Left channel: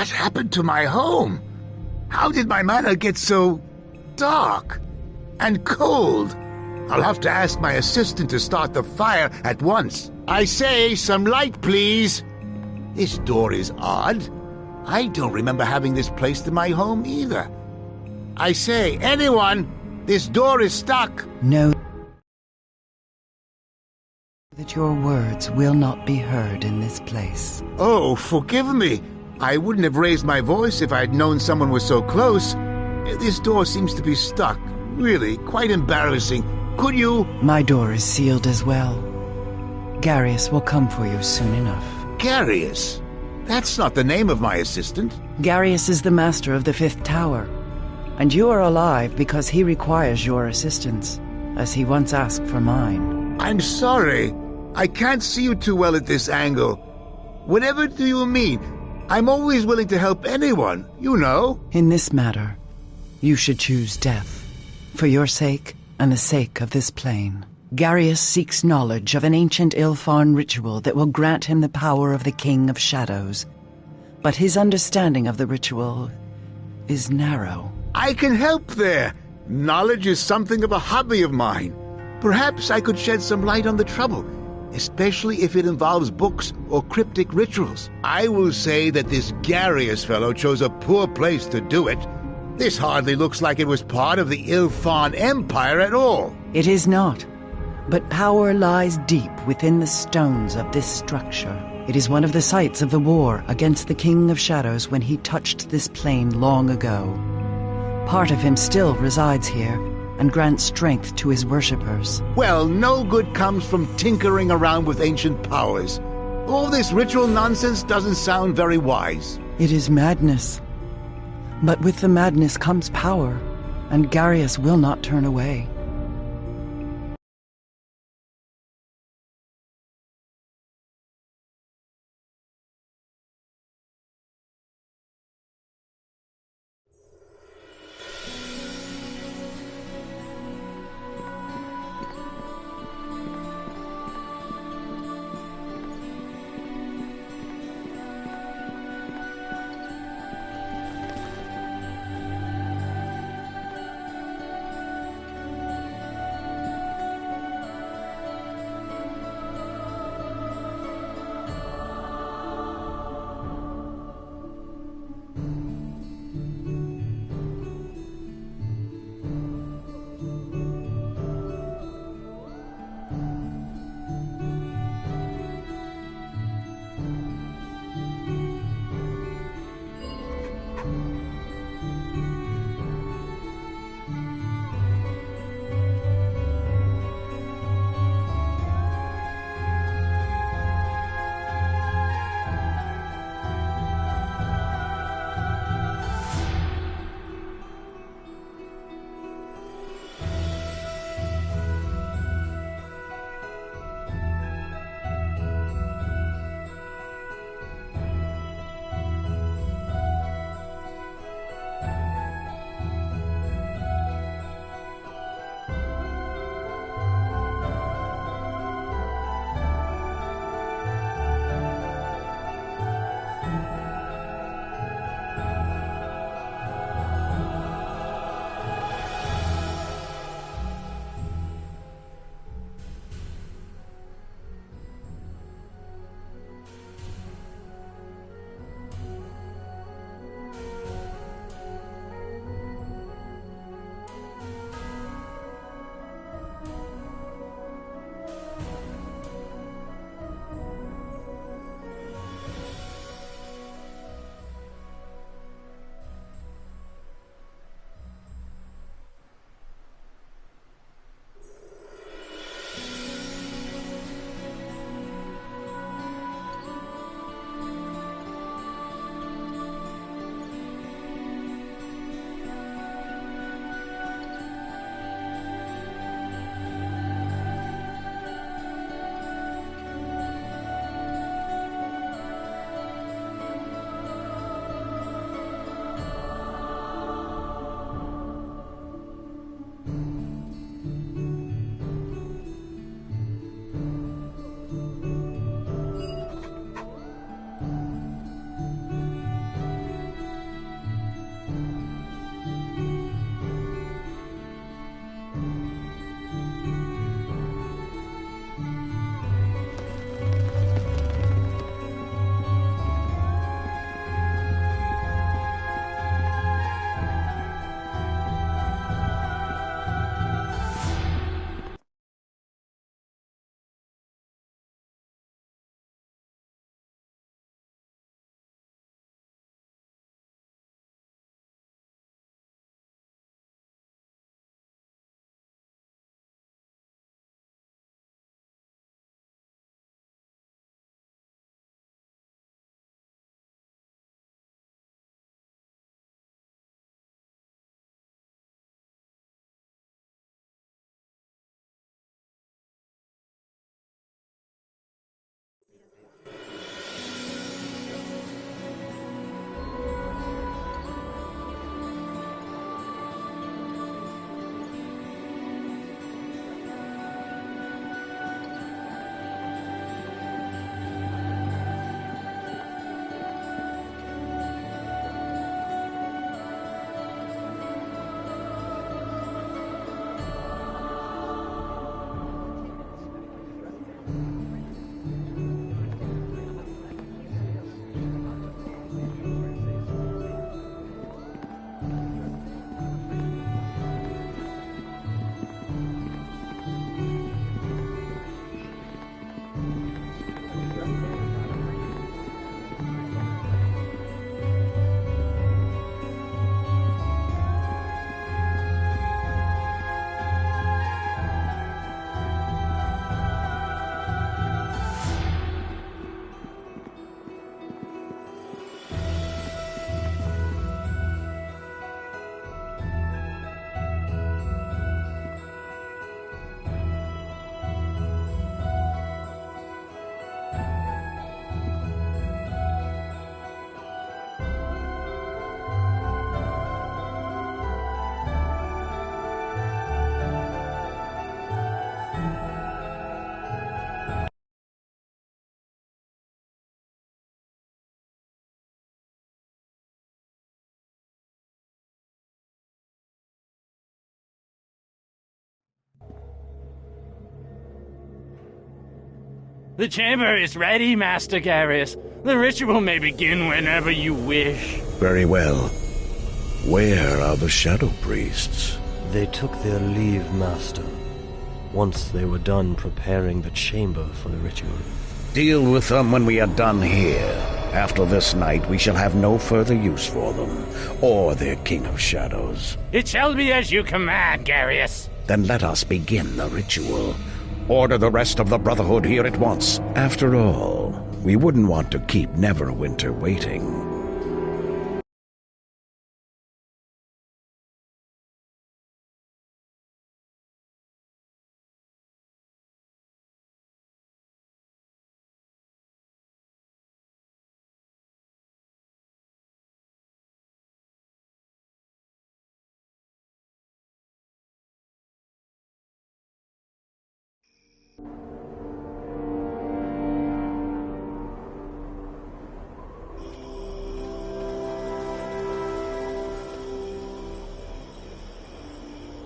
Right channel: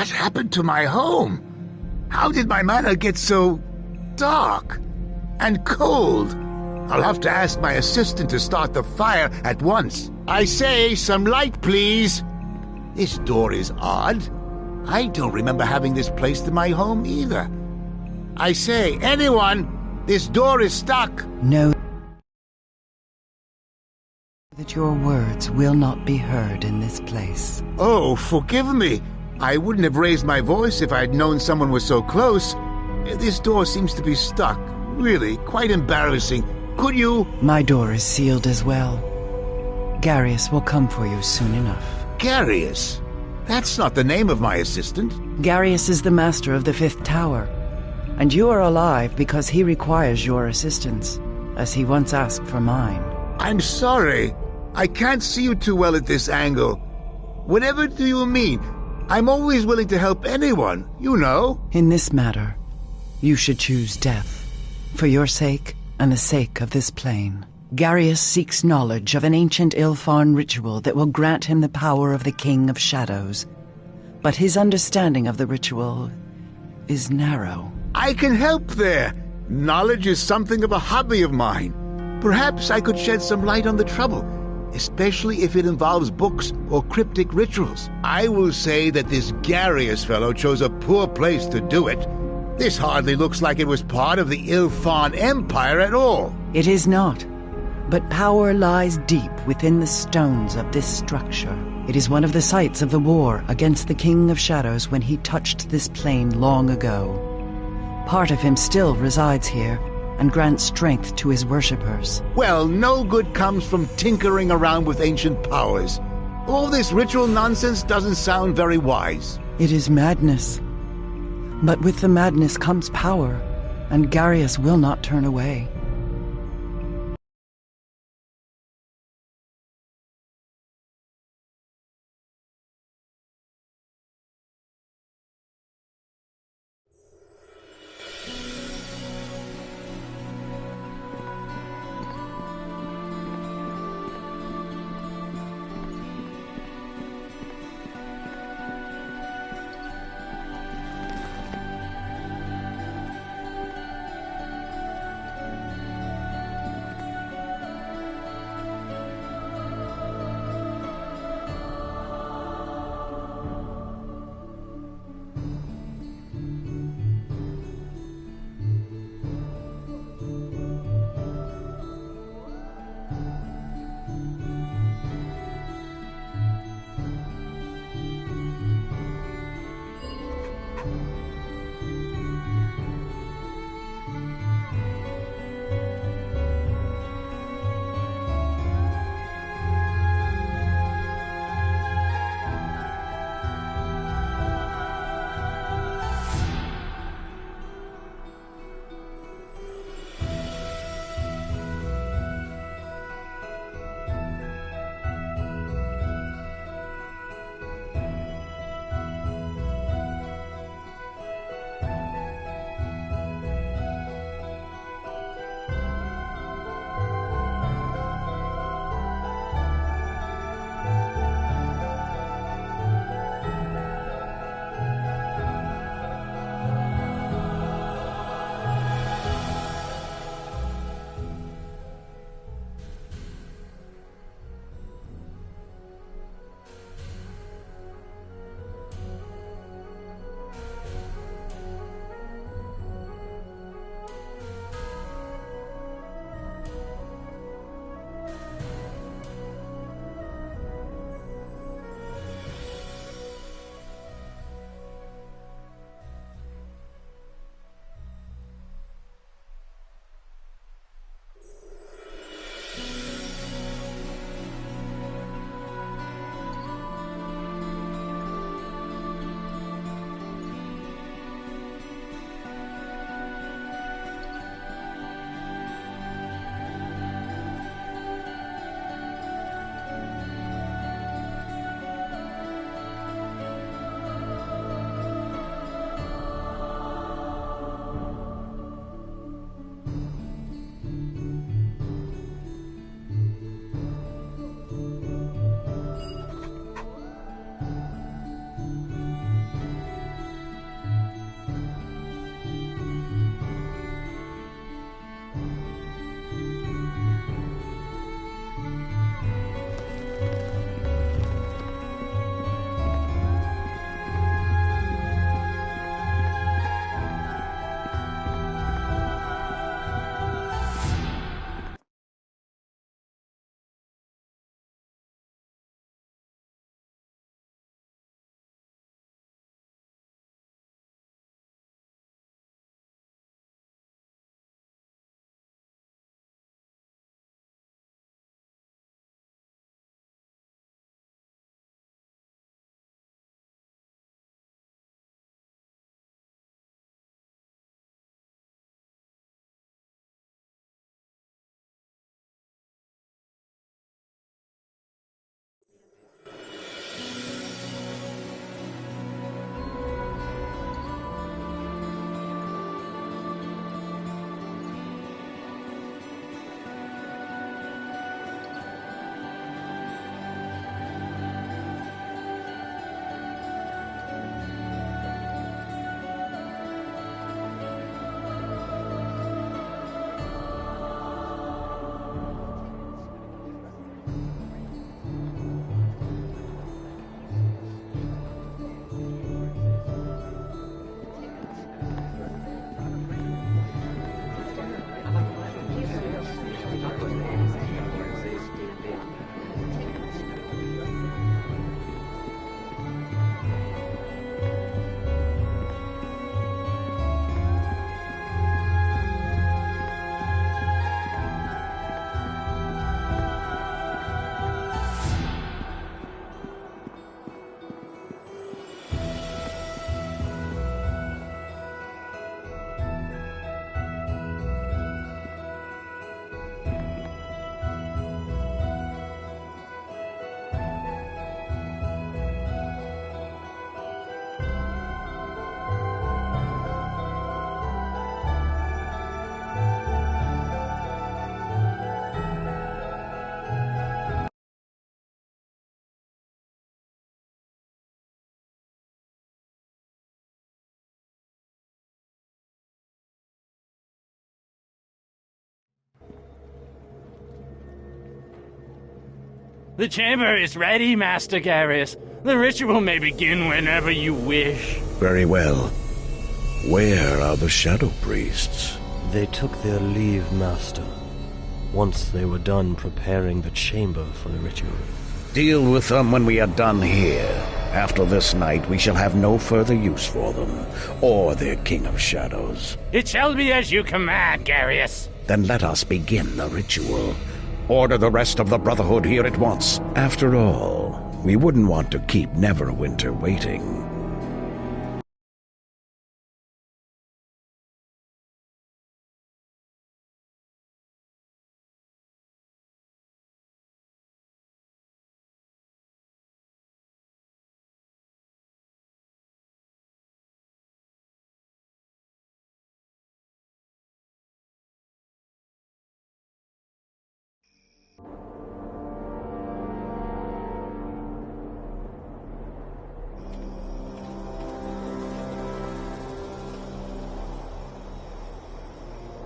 What happened to my home? How did my manor get so dark and cold? I'll have to ask my assistant to start the fire at once. I say, some light, please. This door is odd. I don't remember having this placed in my home either. I say, anyone, this door is stuck. Know that your words will not be heard in this place. Oh, forgive me. I wouldn't have raised my voice if I'd known someone was so close. This door seems to be stuck. Really, quite embarrassing. Could you... My door is sealed as well. Garius will come for you soon enough. Garius? That's not the name of my assistant. Garius is the master of the Fifth Tower, and you are alive because he requires your assistance, as he once asked for mine. I'm sorry. I can't see you too well at this angle. Whatever do you mean? I'm always willing to help anyone, you know. In this matter, you should choose death, for your sake and the sake of this plane. Garius seeks knowledge of an ancient Ilfarn ritual that will grant him the power of the King of Shadows. But his understanding of the ritual is narrow. I can help there. Knowledge is something of a hobby of mine. Perhaps I could shed some light on the trouble, especially if it involves books or cryptic rituals. I will say that this Garius fellow chose a poor place to do it. This hardly looks like it was part of the Ilfarn Empire at all. It is not. But power lies deep within the stones of this structure. It is one of the sites of the war against the King of Shadows when he touched this plane long ago. Part of him still resides here and grants strength to his worshippers. Well, no good comes from tinkering around with ancient powers. All this ritual nonsense doesn't sound very wise. It is madness. But with the madness comes power, and Garius will not turn away. The chamber is ready, Master Garius. The ritual may begin whenever you wish. Very well. Where are the Shadow Priests? They took their leave, Master, once they were done preparing the chamber for the ritual. Deal with them when we are done here. After this night, we shall have no further use for them, or their King of Shadows. It shall be as you command, Garius. Then let us begin the ritual. Order the rest of the Brotherhood here at once. After all, we wouldn't want to keep Neverwinter waiting.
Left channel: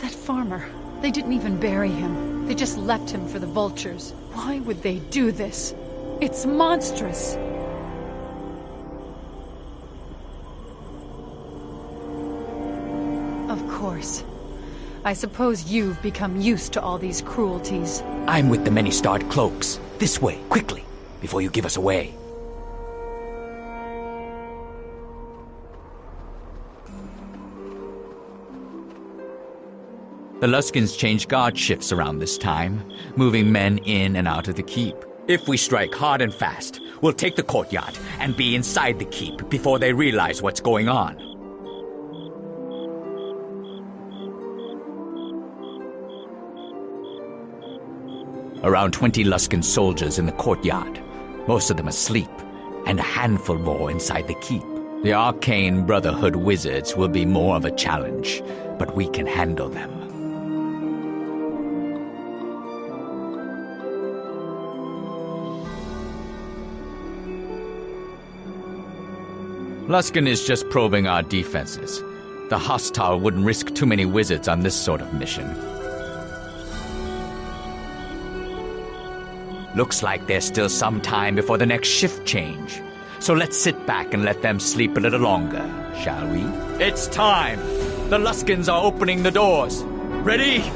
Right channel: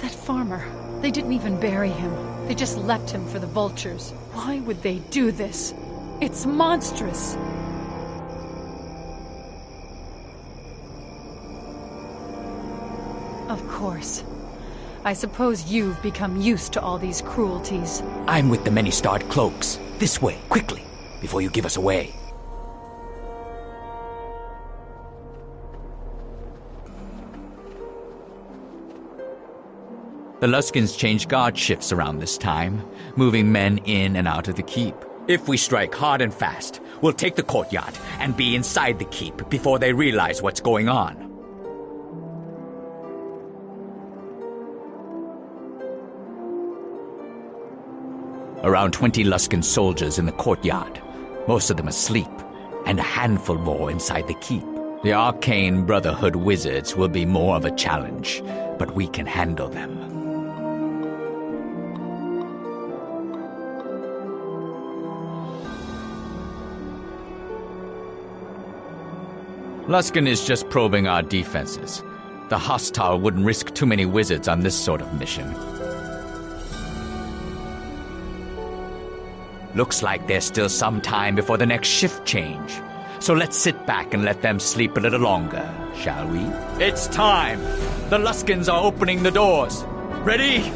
That farmer, they didn't even bury him. They just left him for the vultures. Why would they do this? It's monstrous. Of course. I suppose you've become used to all these cruelties. I'm with the many-starred cloaks. This way, quickly, before you give us away. The Luskins change guard shifts around this time, moving men in and out of the keep. If we strike hard and fast, we'll take the courtyard and be inside the keep before they realize what's going on. Around 20 Luskin soldiers in the courtyard, most of them asleep, and a handful more inside the keep. The Arcane Brotherhood wizards will be more of a challenge, but we can handle them. Luskin is just probing our defenses. The hostile wouldn't risk too many wizards on this sort of mission. Looks like there's still some time before the next shift change. So let's sit back and let them sleep a little longer, shall we? It's time! The Luskins are opening the doors. Ready?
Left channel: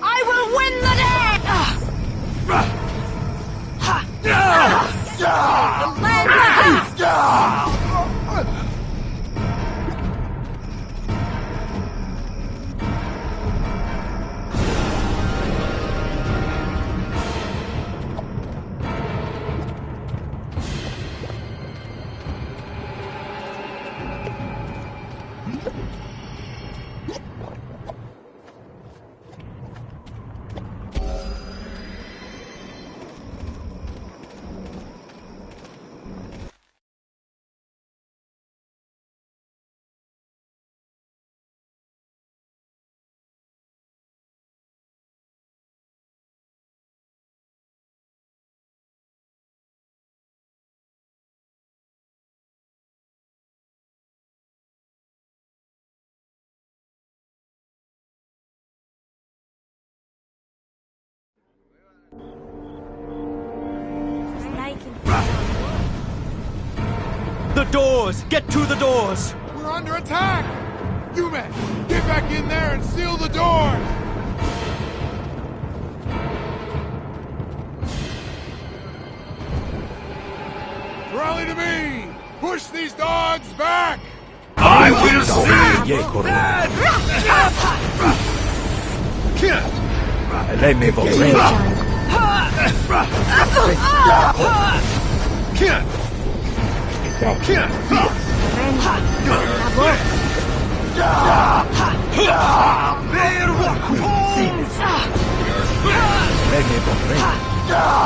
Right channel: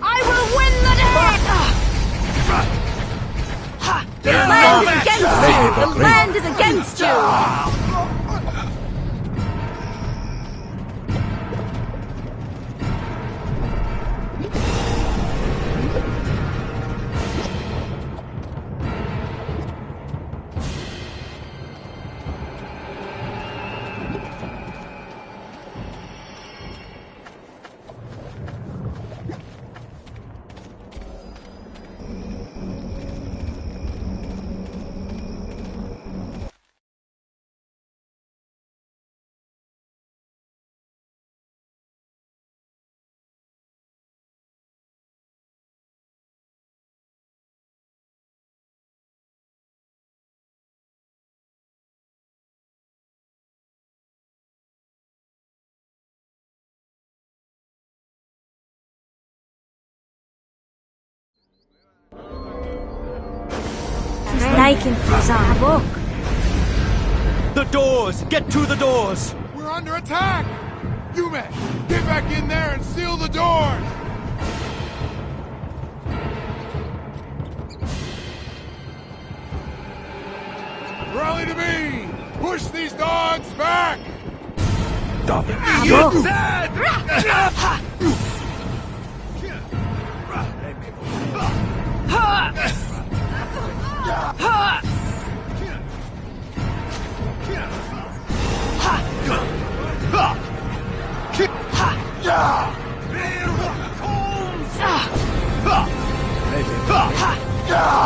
I will win the day! The land is against you! The land is against you! The doors! Get to the doors! We're under attack! You men, get back in there and seal the doors! Rally to me! Push these dogs back! I will see you dead! Let me go.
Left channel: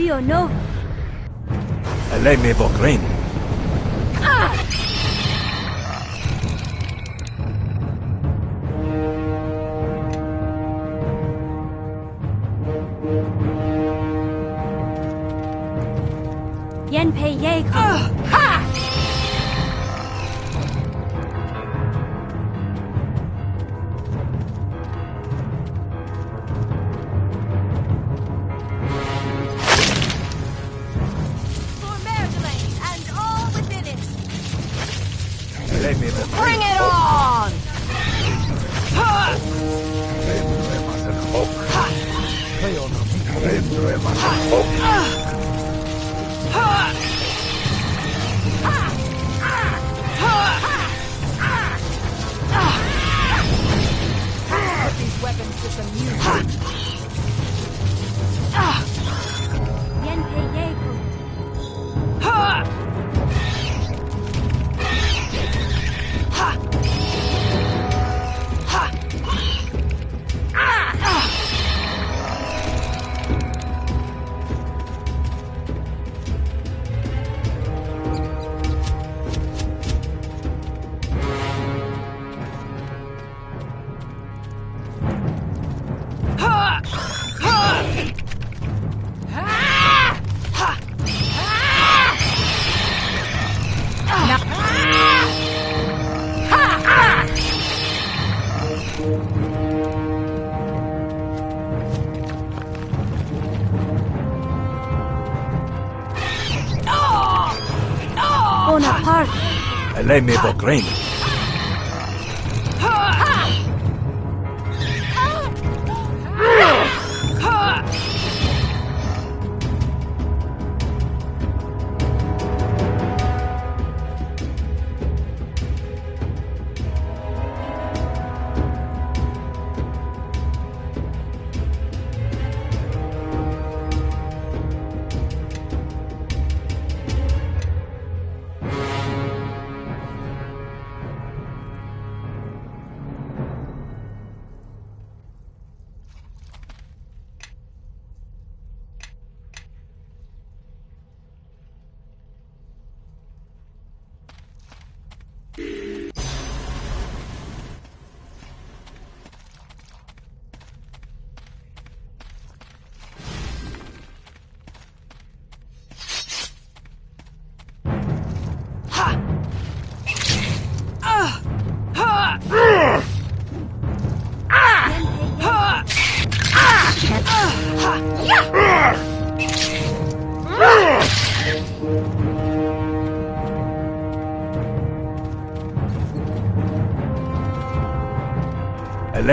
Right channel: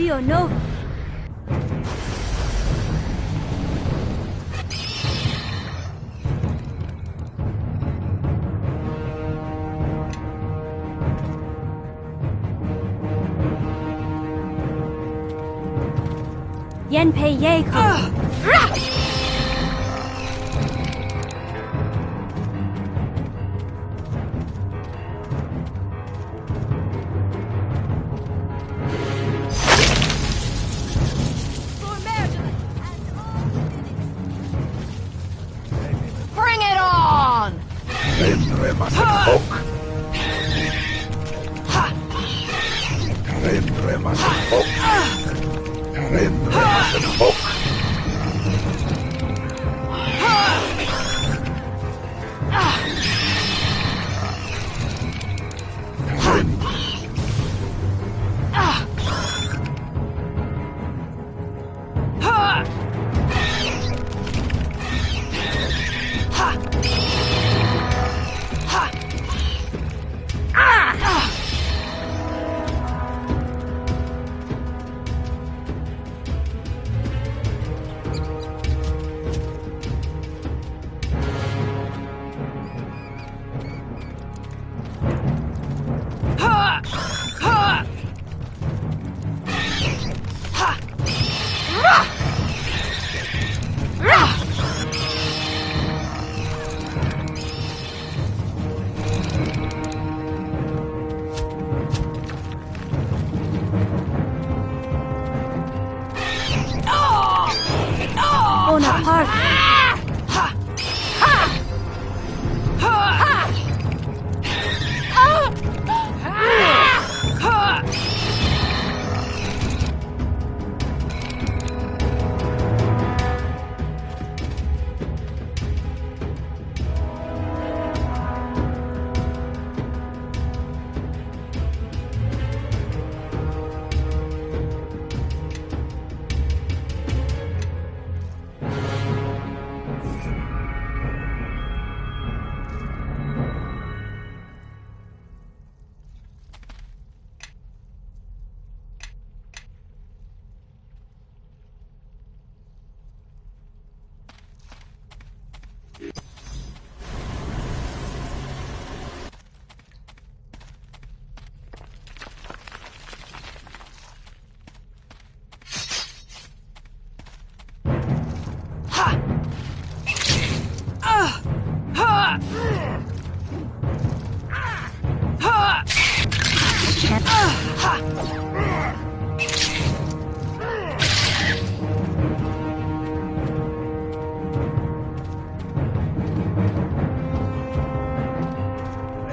Pio no. Lei me vorrei. Yen Pei Ye. Bring it on! Bonaparte. Lei me vorrei.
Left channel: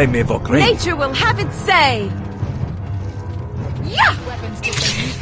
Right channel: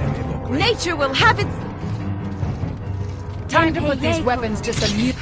Nature will have its say! Time to put those weapons to some use.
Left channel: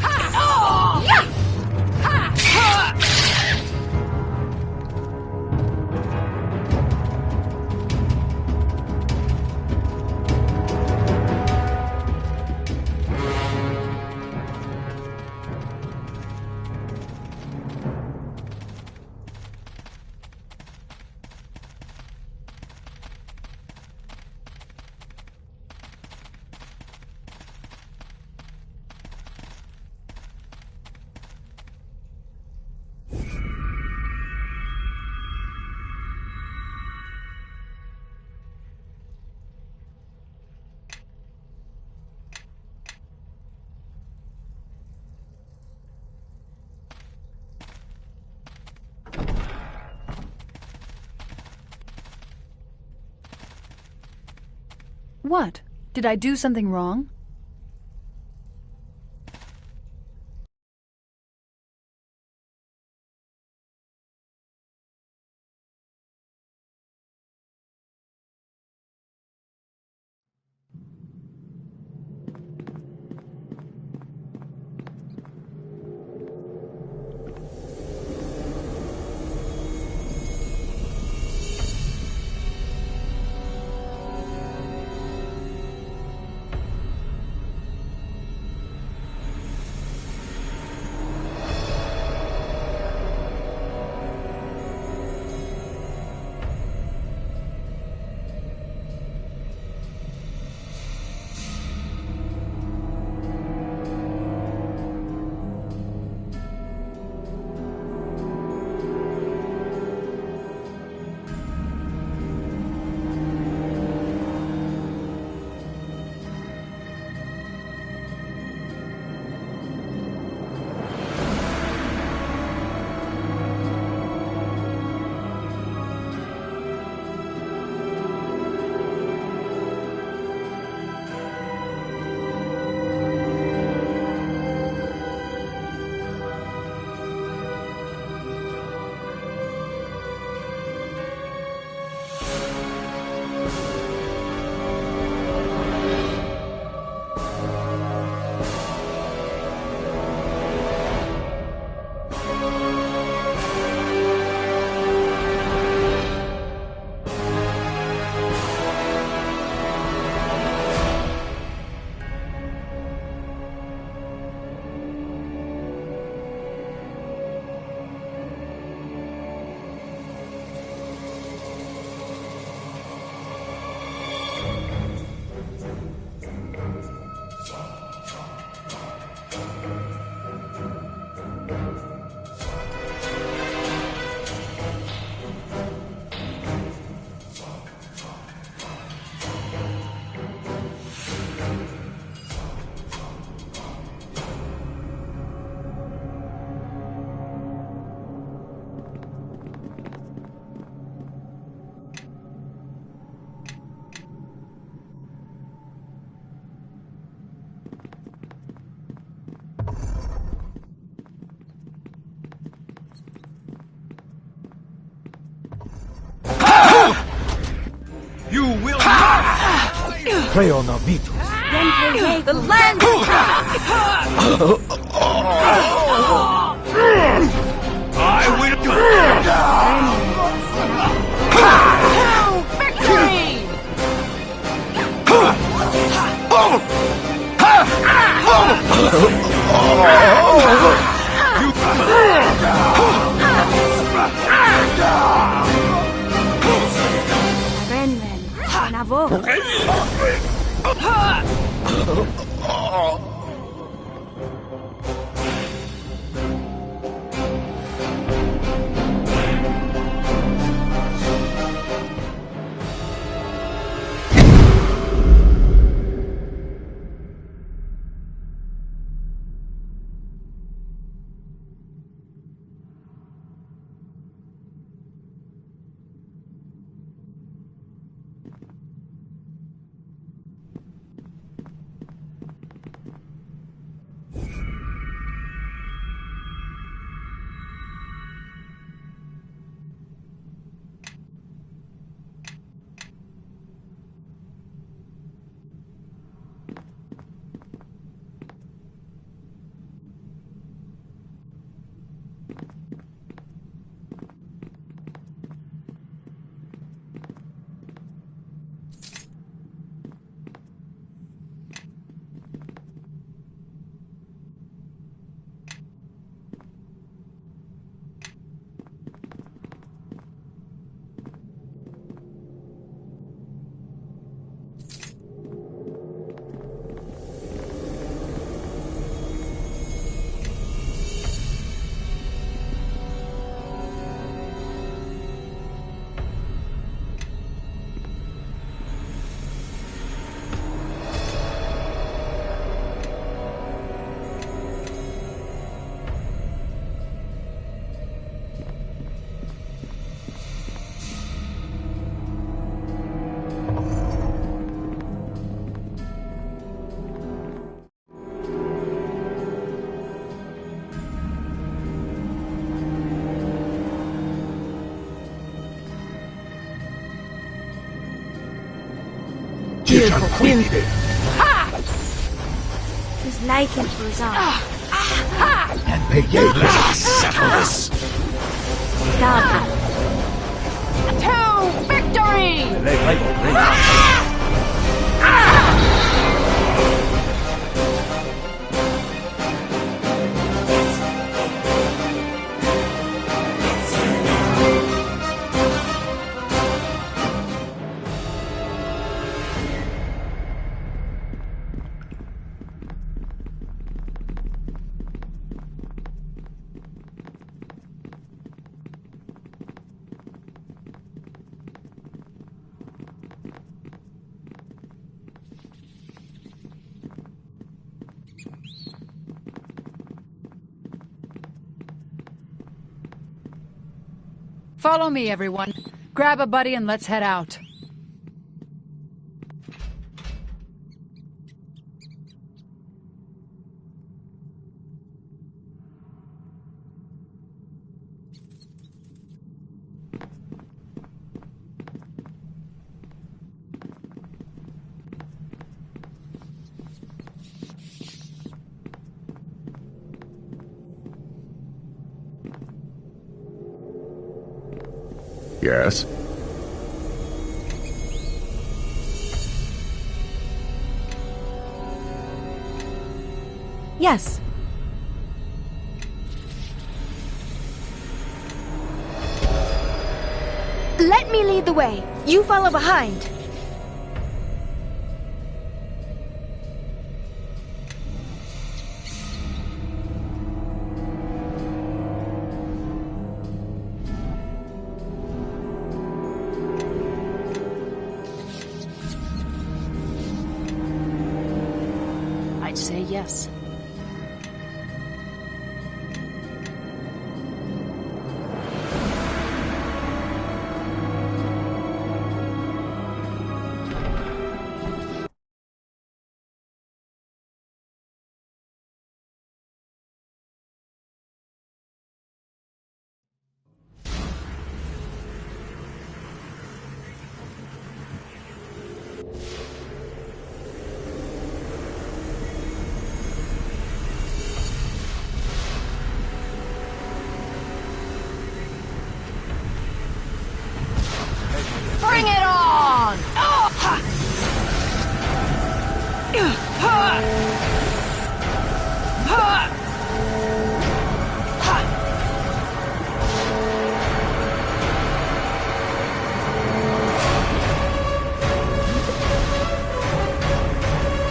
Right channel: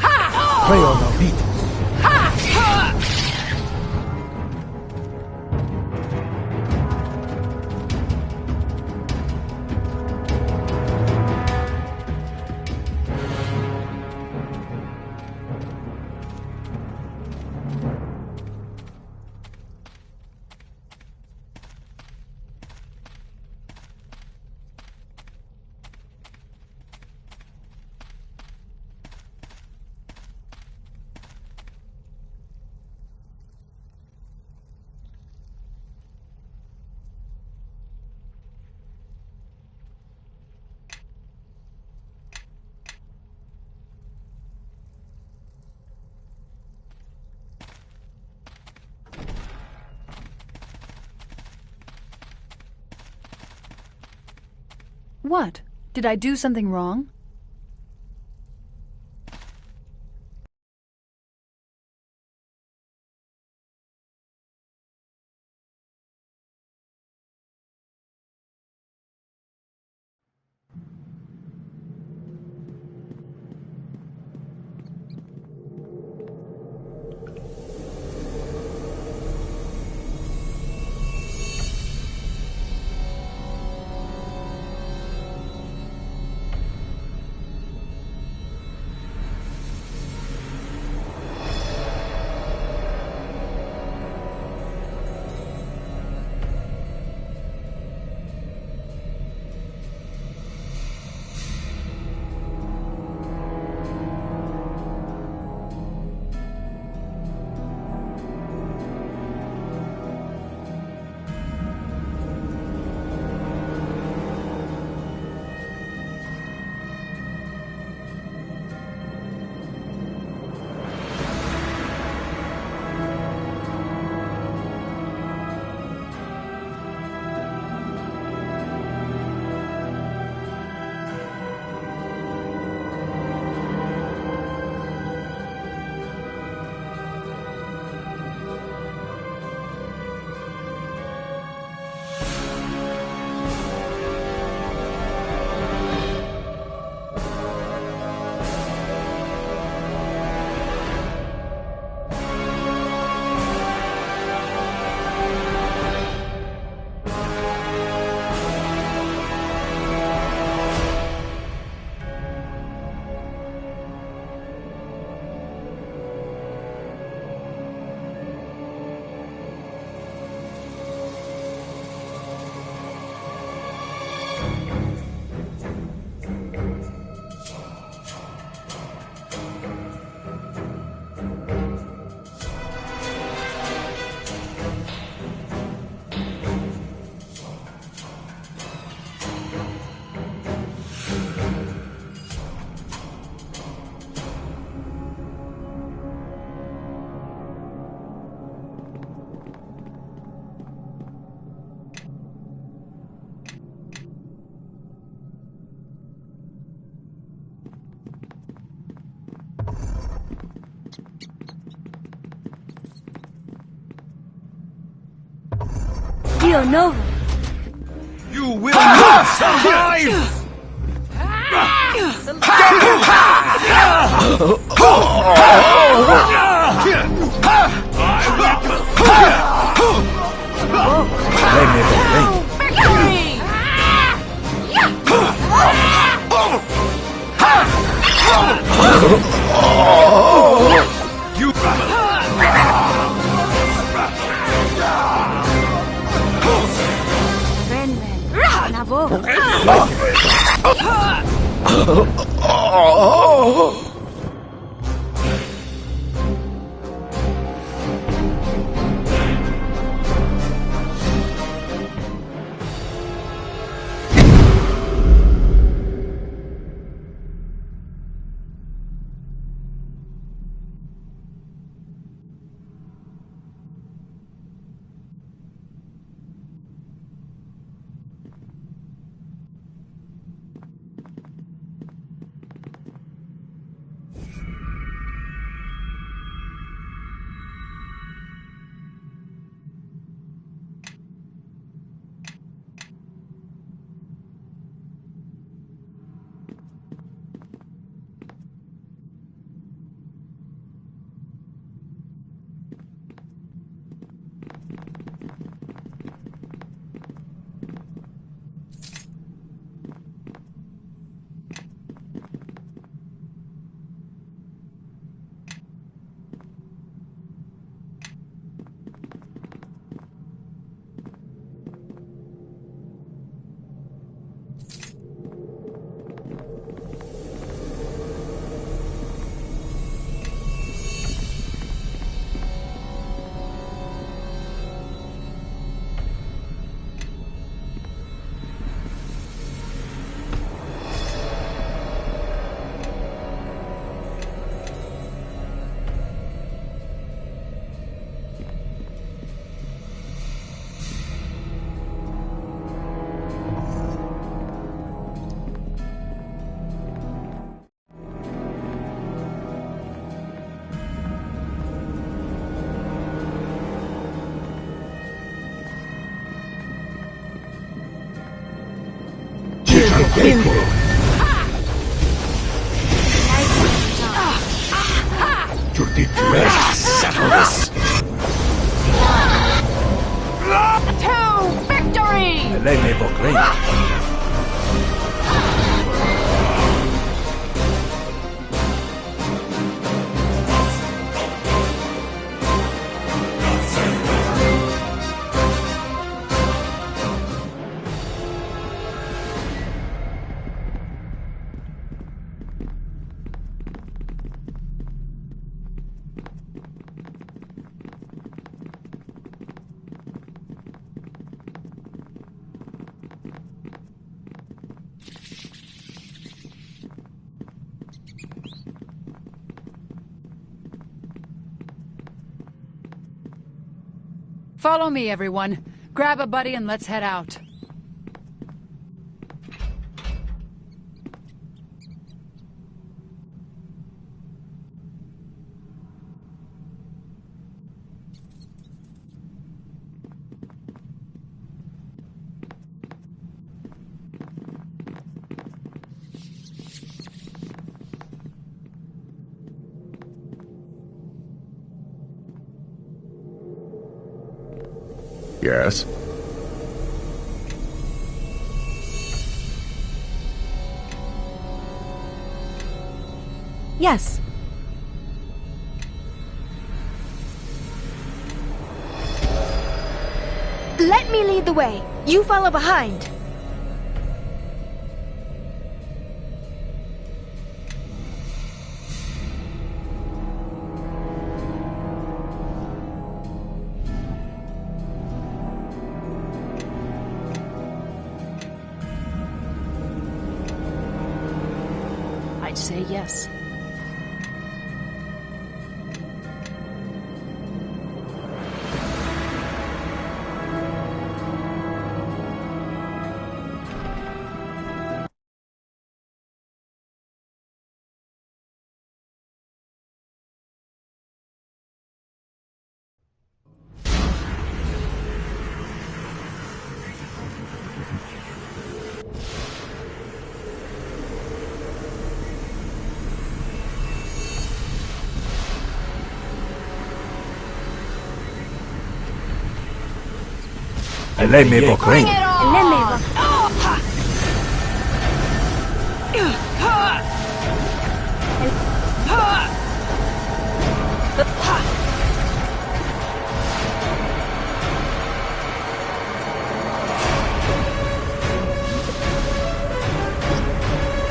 What? Did I do something wrong? You will not survive! The land I victory! Ren Ren, Navo. Nice goes on. Let's settle this. To victory! Follow me, everyone. Grab a buddy and let's head out. Yes? Yes. Let me lead the way. You follow behind. I'd say yes. Bring it on!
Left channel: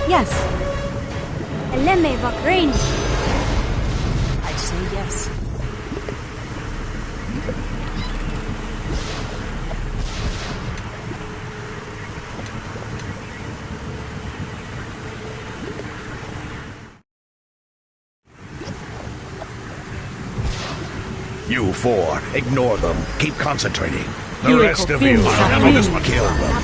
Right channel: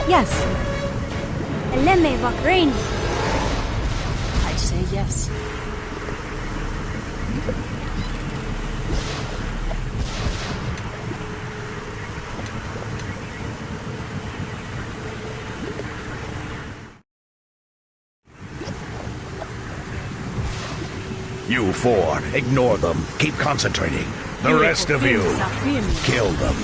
Yes. I'd say yes. You four, ignore them. Keep concentrating. The rest of you, kill them.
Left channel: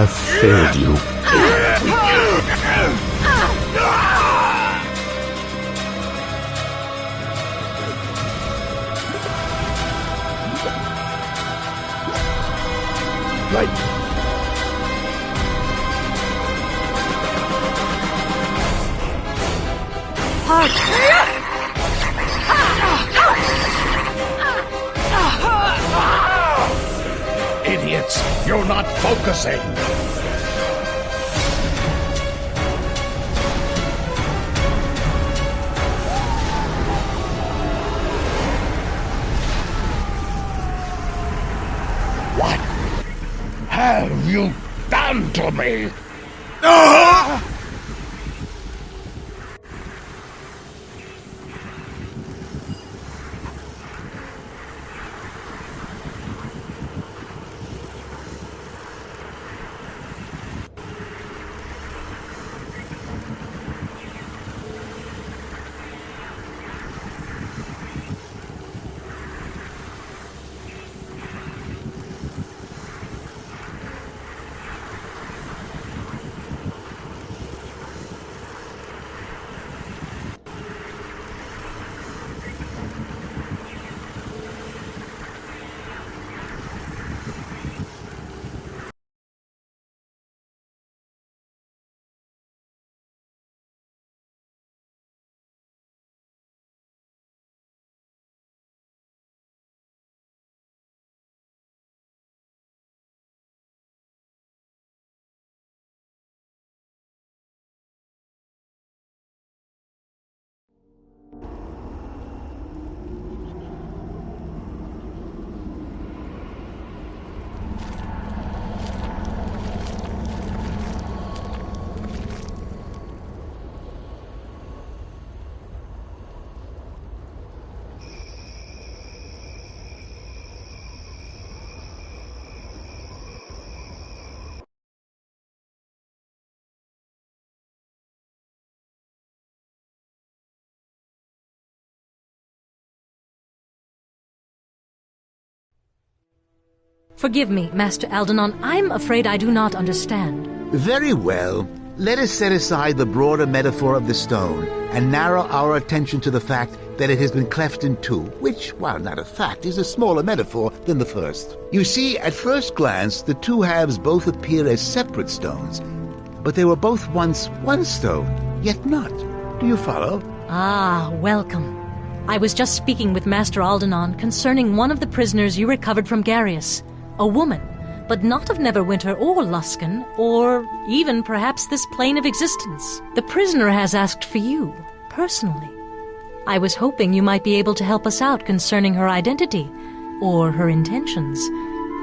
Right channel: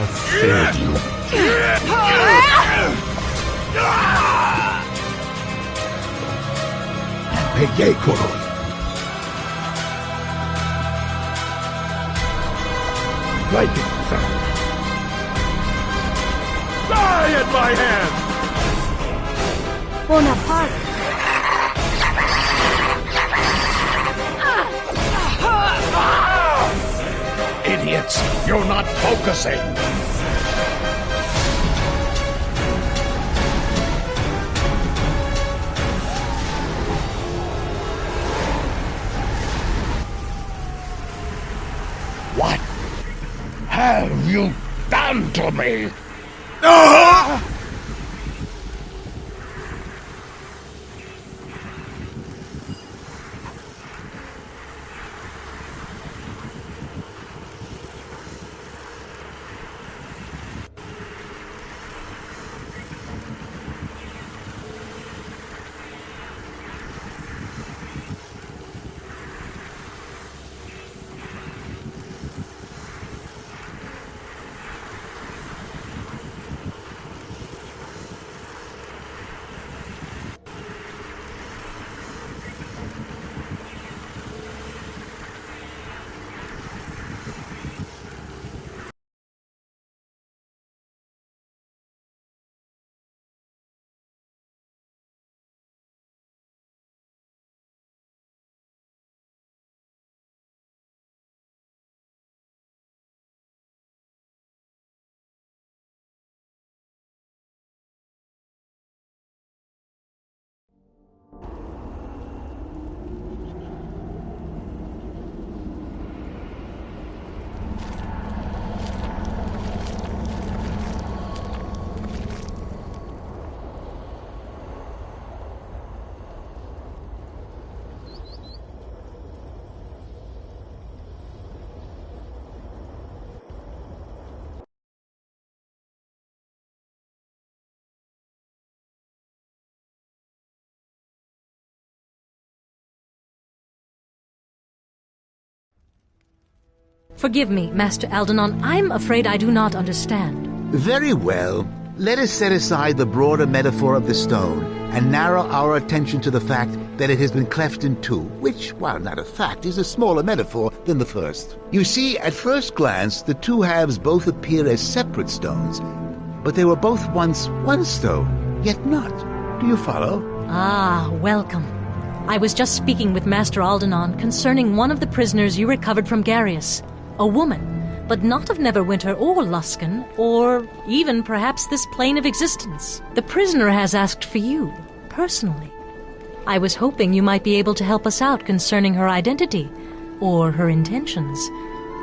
I failed you. Lightning! Die at my hand! Bonaparte! Idiots! You're not focusing! What have you done to me? Forgive me, Master Aldenon. I'm afraid I do not understand. Very well. Let us set aside the broader metaphor of the stone and narrow our attention to the fact that it has been cleft in two, which, while not a fact, is a smaller metaphor than the first. You see, at first glance, the two halves both appear as separate stones, but they were both once one stone, yet not. Do you follow? Ah, welcome. I was just speaking with Master Aldenon concerning one of the prisoners you recovered from Garius. A woman, but not of Neverwinter or Luskan, or even perhaps this plane of existence. The prisoner has asked for you, personally. I was hoping you might be able to help us out concerning her identity, or her intentions.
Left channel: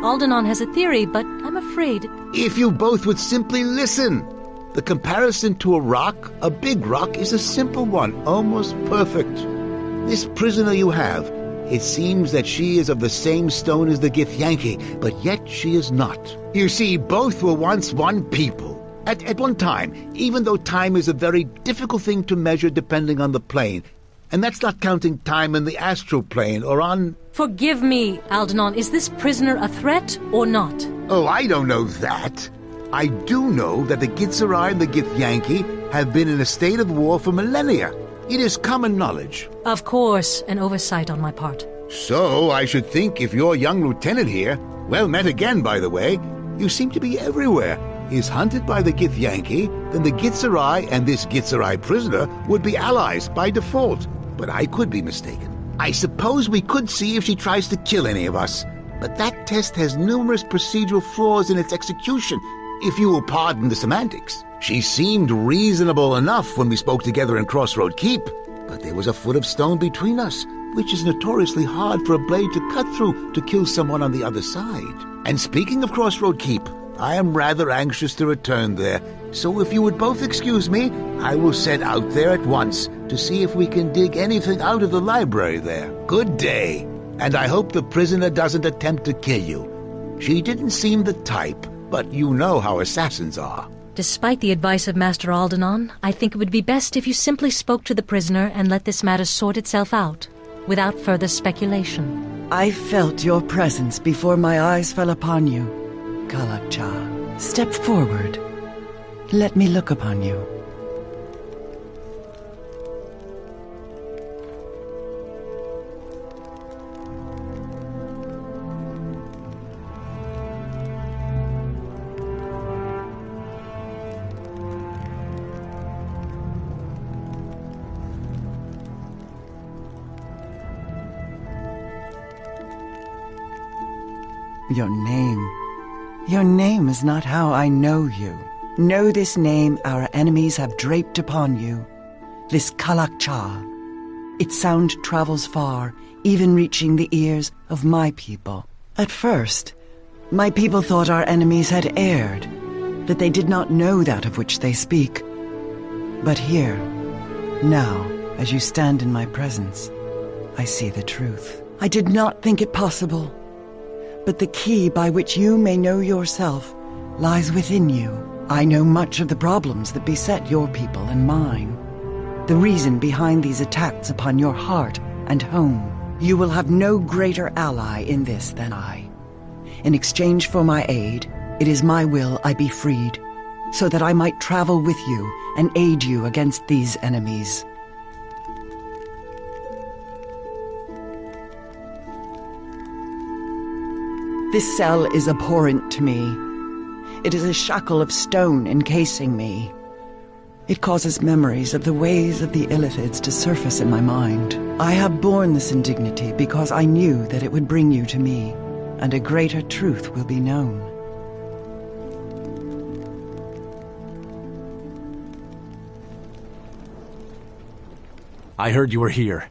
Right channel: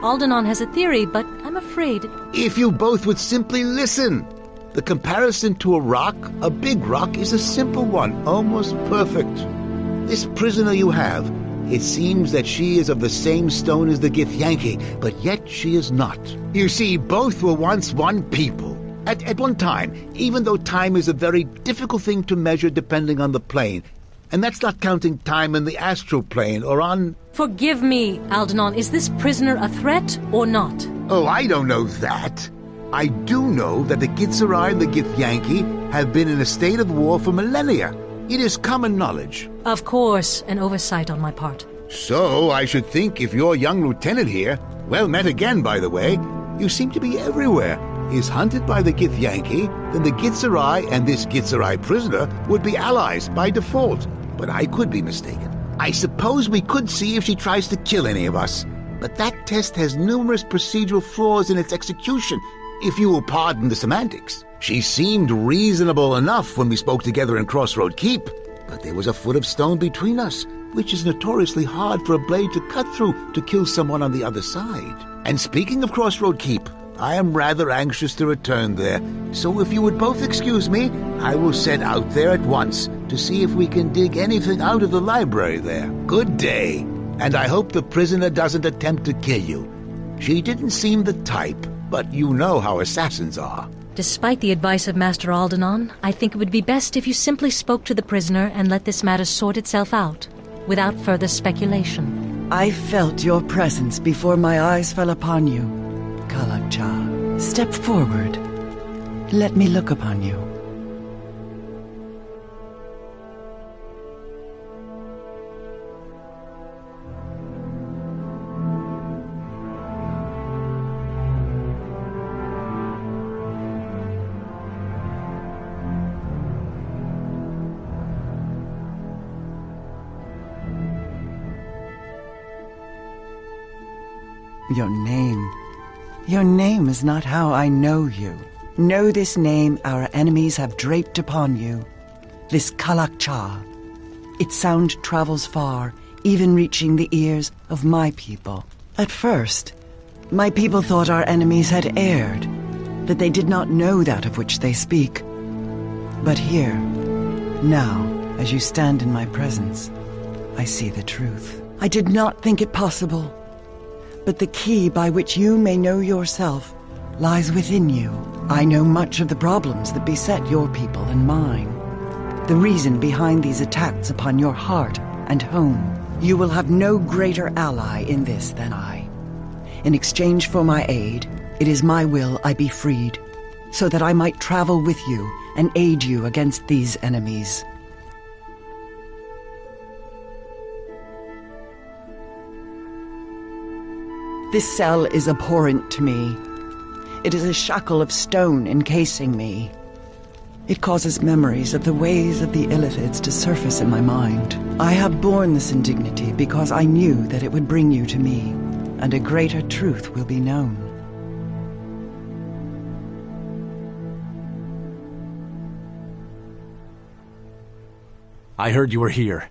Aldenon has a theory, but I'm afraid... If you both would simply listen! The comparison to a rock, a big rock, is a simple one, almost perfect. This prisoner you have, it seems that she is of the same stone as the Githyanki, but yet she is not. You see, both were once one people. At one time, even though time is a very difficult thing to measure depending on the plane. And that's not counting time in the astral plane or on... Forgive me, Aldenon. Is this prisoner a threat or not? Oh, I don't know that. I do know that the Gitzerai and the Githyanki have been in a state of war for millennia. It is common knowledge. Of course, an oversight on my part. So, I should think if your young lieutenant here, well met again, by the way, you seem to be everywhere, is hunted by the Githyanki, then the Gitzerai and this Gitzerai prisoner would be allies by default. But I could be mistaken. I suppose we could see if she tries to kill any of us. But that test has numerous procedural flaws in its execution, if you will pardon the semantics. She seemed reasonable enough when we spoke together in Crossroad Keep, but there was a foot of stone between us, which is notoriously hard for a blade to cut through to kill someone on the other side. And speaking of Crossroad Keep, I am rather anxious to return there, so if you would both excuse me, I will set out there at once to see if we can dig anything out of the library there. Good day, and I hope the prisoner doesn't attempt to kill you. She didn't seem the type, but you know how assassins are. Despite the advice of Master Aldenon, I think it would be best if you simply spoke to the prisoner and let this matter sort itself out, without further speculation. I felt your presence before my eyes fell upon you, Kalakcha. Step forward. Let me look upon you. Your name. Your name is not how I know you. Know this name our enemies have draped upon you. This Kalakcha. Its sound travels far, even reaching the ears of my people. At first, my people thought our enemies had erred, that they did not know that of which they speak. But here, now, as you stand in my presence, I see the truth. I did not think it possible, but the key by which you may know yourself lies within you. I know much of the problems that beset your people and mine. The reason behind these attacks upon your heart and home. You will have no greater ally in this than I. In exchange for my aid, it is my will I be freed, so that I might travel with you and aid you against these enemies. This cell is abhorrent to me. It is a shackle of stone encasing me. It causes memories of the ways of the Illithids to surface in my mind. I have borne this indignity because I knew that it would bring you to me, and a greater truth will be known. I heard you were here.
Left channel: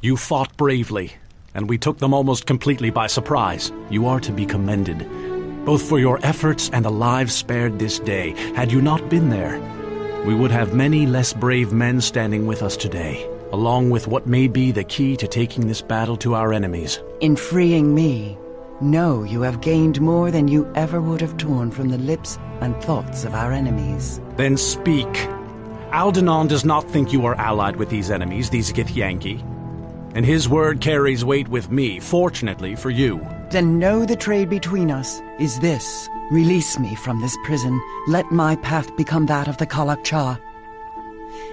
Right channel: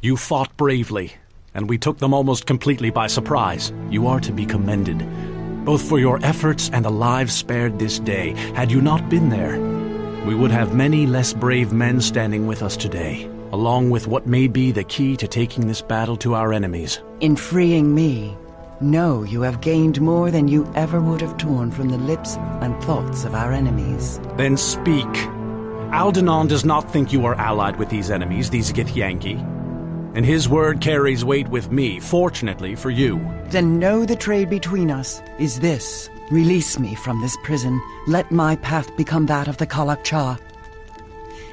You fought bravely, and we took them almost completely by surprise. You are to be commended, both for your efforts and the lives spared this day. Had you not been there, we would have many less brave men standing with us today, along with what may be the key to taking this battle to our enemies. In freeing me, know you have gained more than you ever would have torn from the lips and thoughts of our enemies. Then speak. Aldenon does not think you are allied with these enemies, these Githyanki, and his word carries weight with me, fortunately for you. Then know the trade between us is this. Release me from this prison. Let my path become that of the Kalakcha.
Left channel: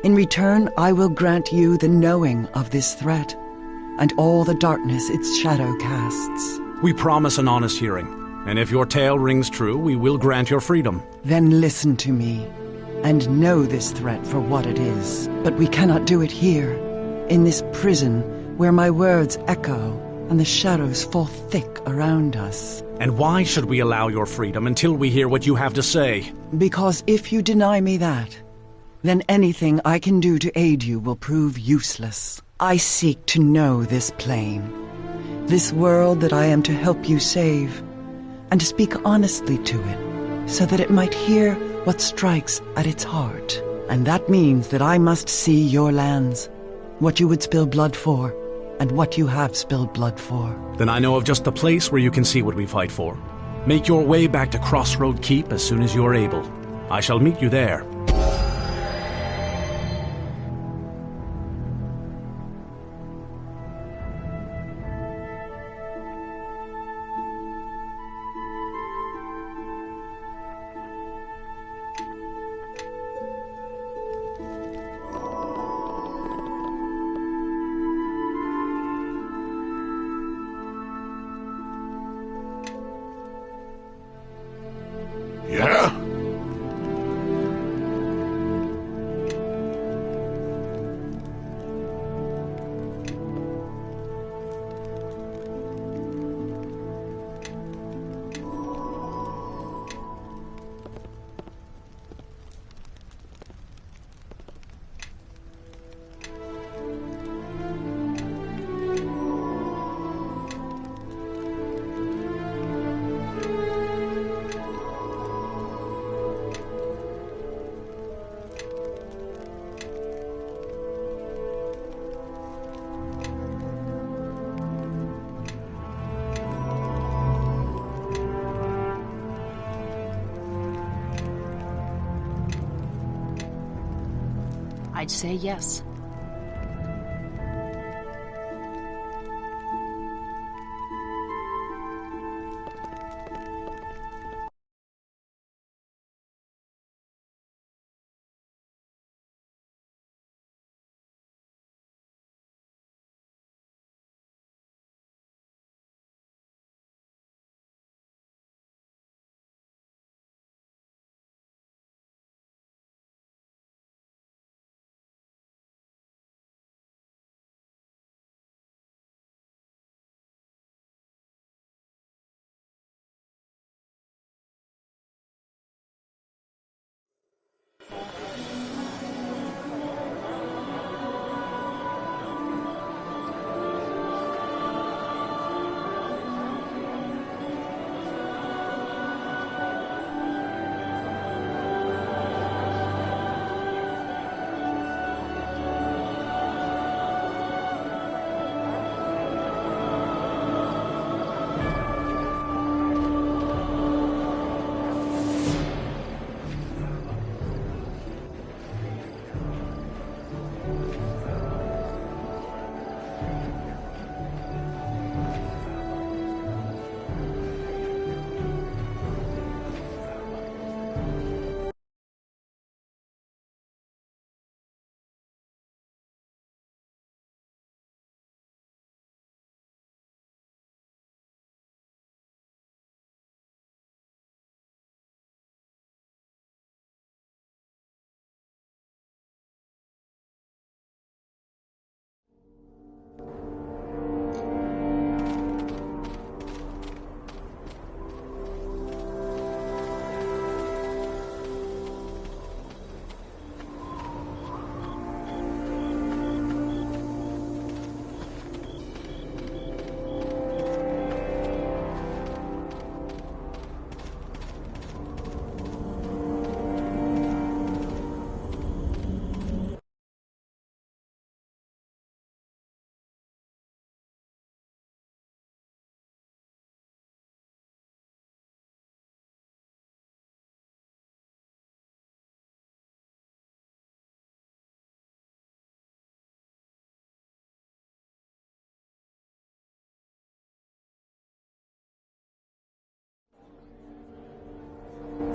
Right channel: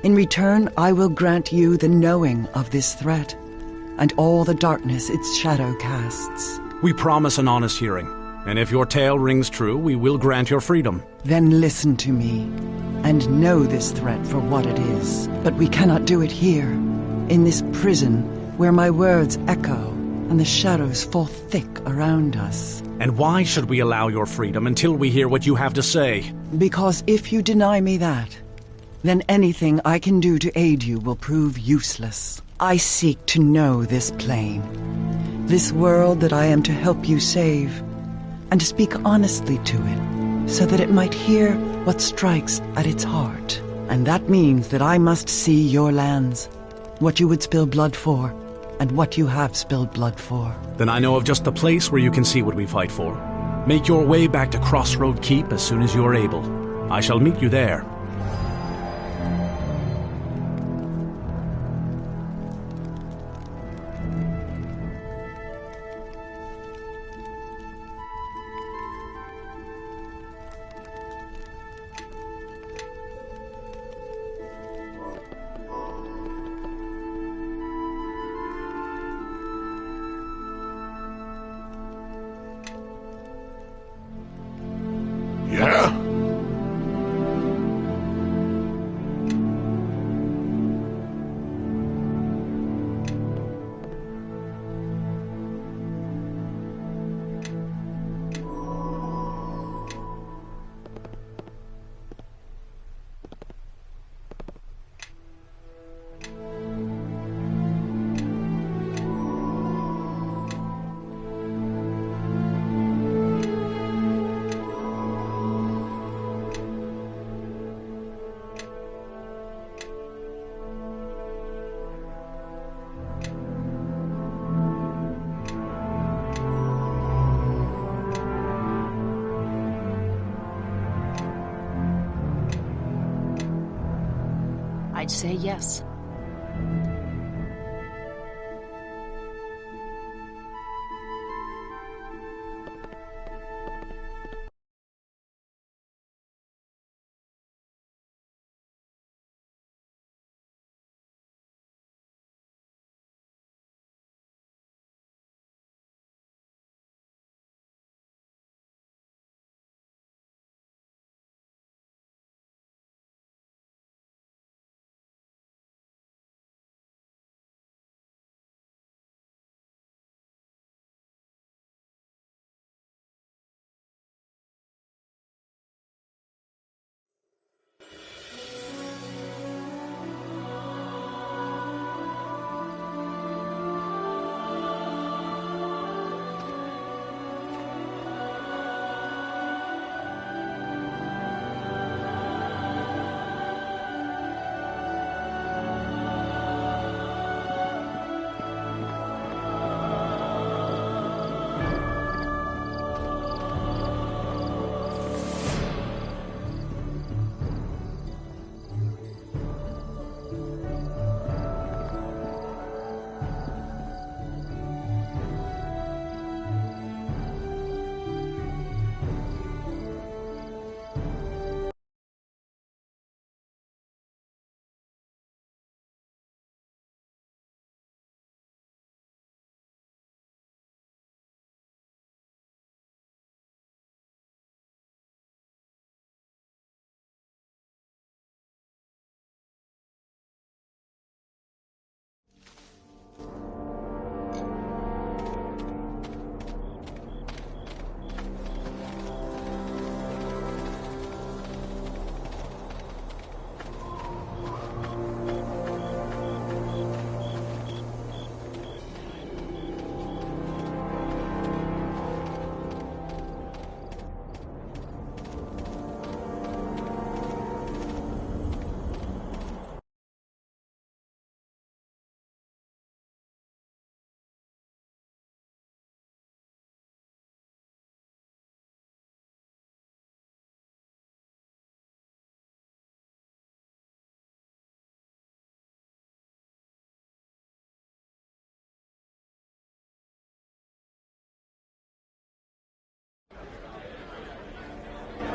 In return, I will grant you the knowing of this threat, and all the darkness its shadow casts. We promise an honest hearing, and if your tale rings true, we will grant your freedom. Then listen to me, and know this threat for what it is. But we cannot do it here, in this prison, where my words echo, and the shadows fall thick around us. And why should we allow your freedom until we hear what you have to say? Because if you deny me that, then anything I can do to aid you will prove useless. I seek to know this plane, this world that I am to help you save, and to speak honestly to it, so that it might hear what strikes at its heart. And that means that I must see your lands, what you would spill blood for, and what you have spilled blood for. Then I know of just the place where you can see what we fight for. Make your way back to Crossroad Keep as soon as you are able. I shall meet you there. Yeah? I'd say yes.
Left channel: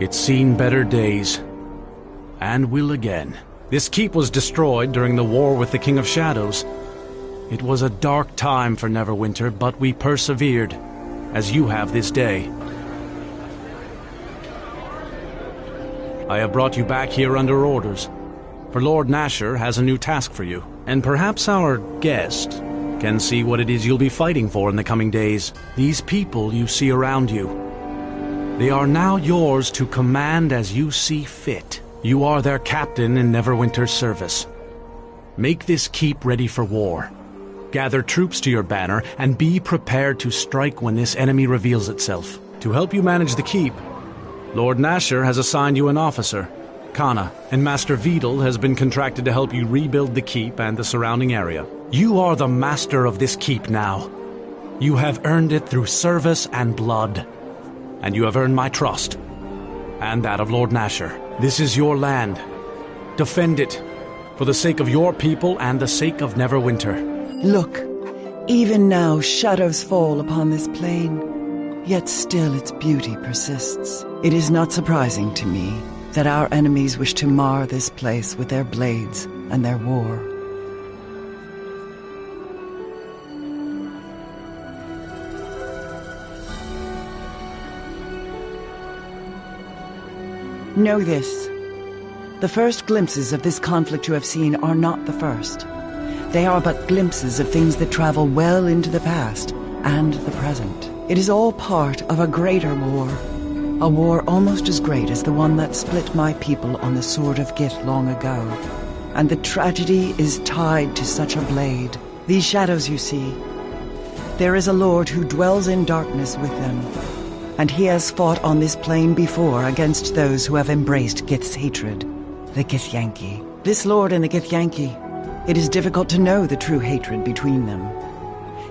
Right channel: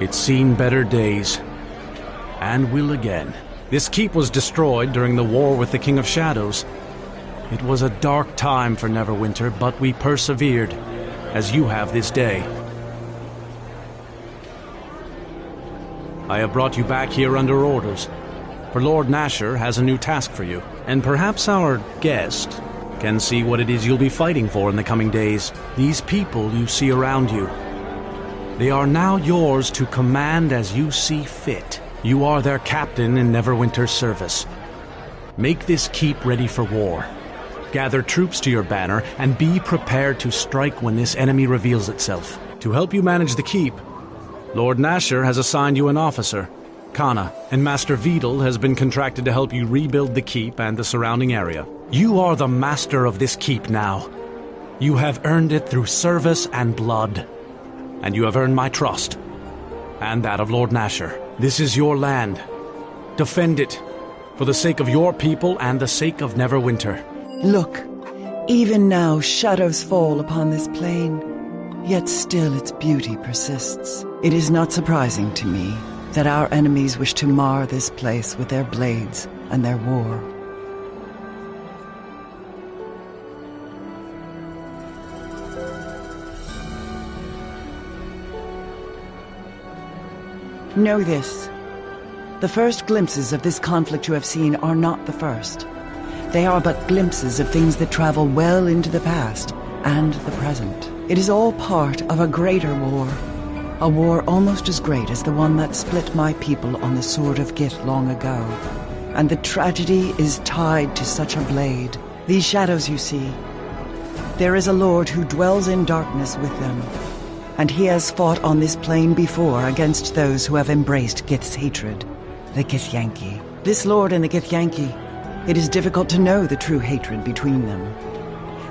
It's seen better days, and will again. This keep was destroyed during the war with the King of Shadows. It was a dark time for Neverwinter, but we persevered, as you have this day. I have brought you back here under orders, for Lord Nasher has a new task for you, and perhaps our guest can see what it is you'll be fighting for in the coming days. These people you see around you, they are now yours to command as you see fit. You are their captain in Neverwinter's service. Make this keep ready for war. Gather troops to your banner, and be prepared to strike when this enemy reveals itself. To help you manage the keep, Lord Nasher has assigned you an officer, Kana, and Master Vidal has been contracted to help you rebuild the keep and the surrounding area. You are the master of this keep now. You have earned it through service and blood, and you have earned my trust, and that of Lord Nasher. This is your land. Defend it, for the sake of your people and the sake of Neverwinter. Look, even now shadows fall upon this plain, yet still its beauty persists. It is not surprising to me that our enemies wish to mar this place with their blades and their war. Know this. The first glimpses of this conflict you have seen are not the first. They are but glimpses of things that travel well into the past and the present. It is all part of a greater war. A war almost as great as the one that split my people on the Sword of Gith long ago. And the tragedy is tied to such a blade. These shadows you see, there is a lord who dwells in darkness with them. And he has fought on this plane before against those who have embraced Gith's hatred, the Githyanki. This lord and the Githyanki, it is difficult to know the true hatred between them.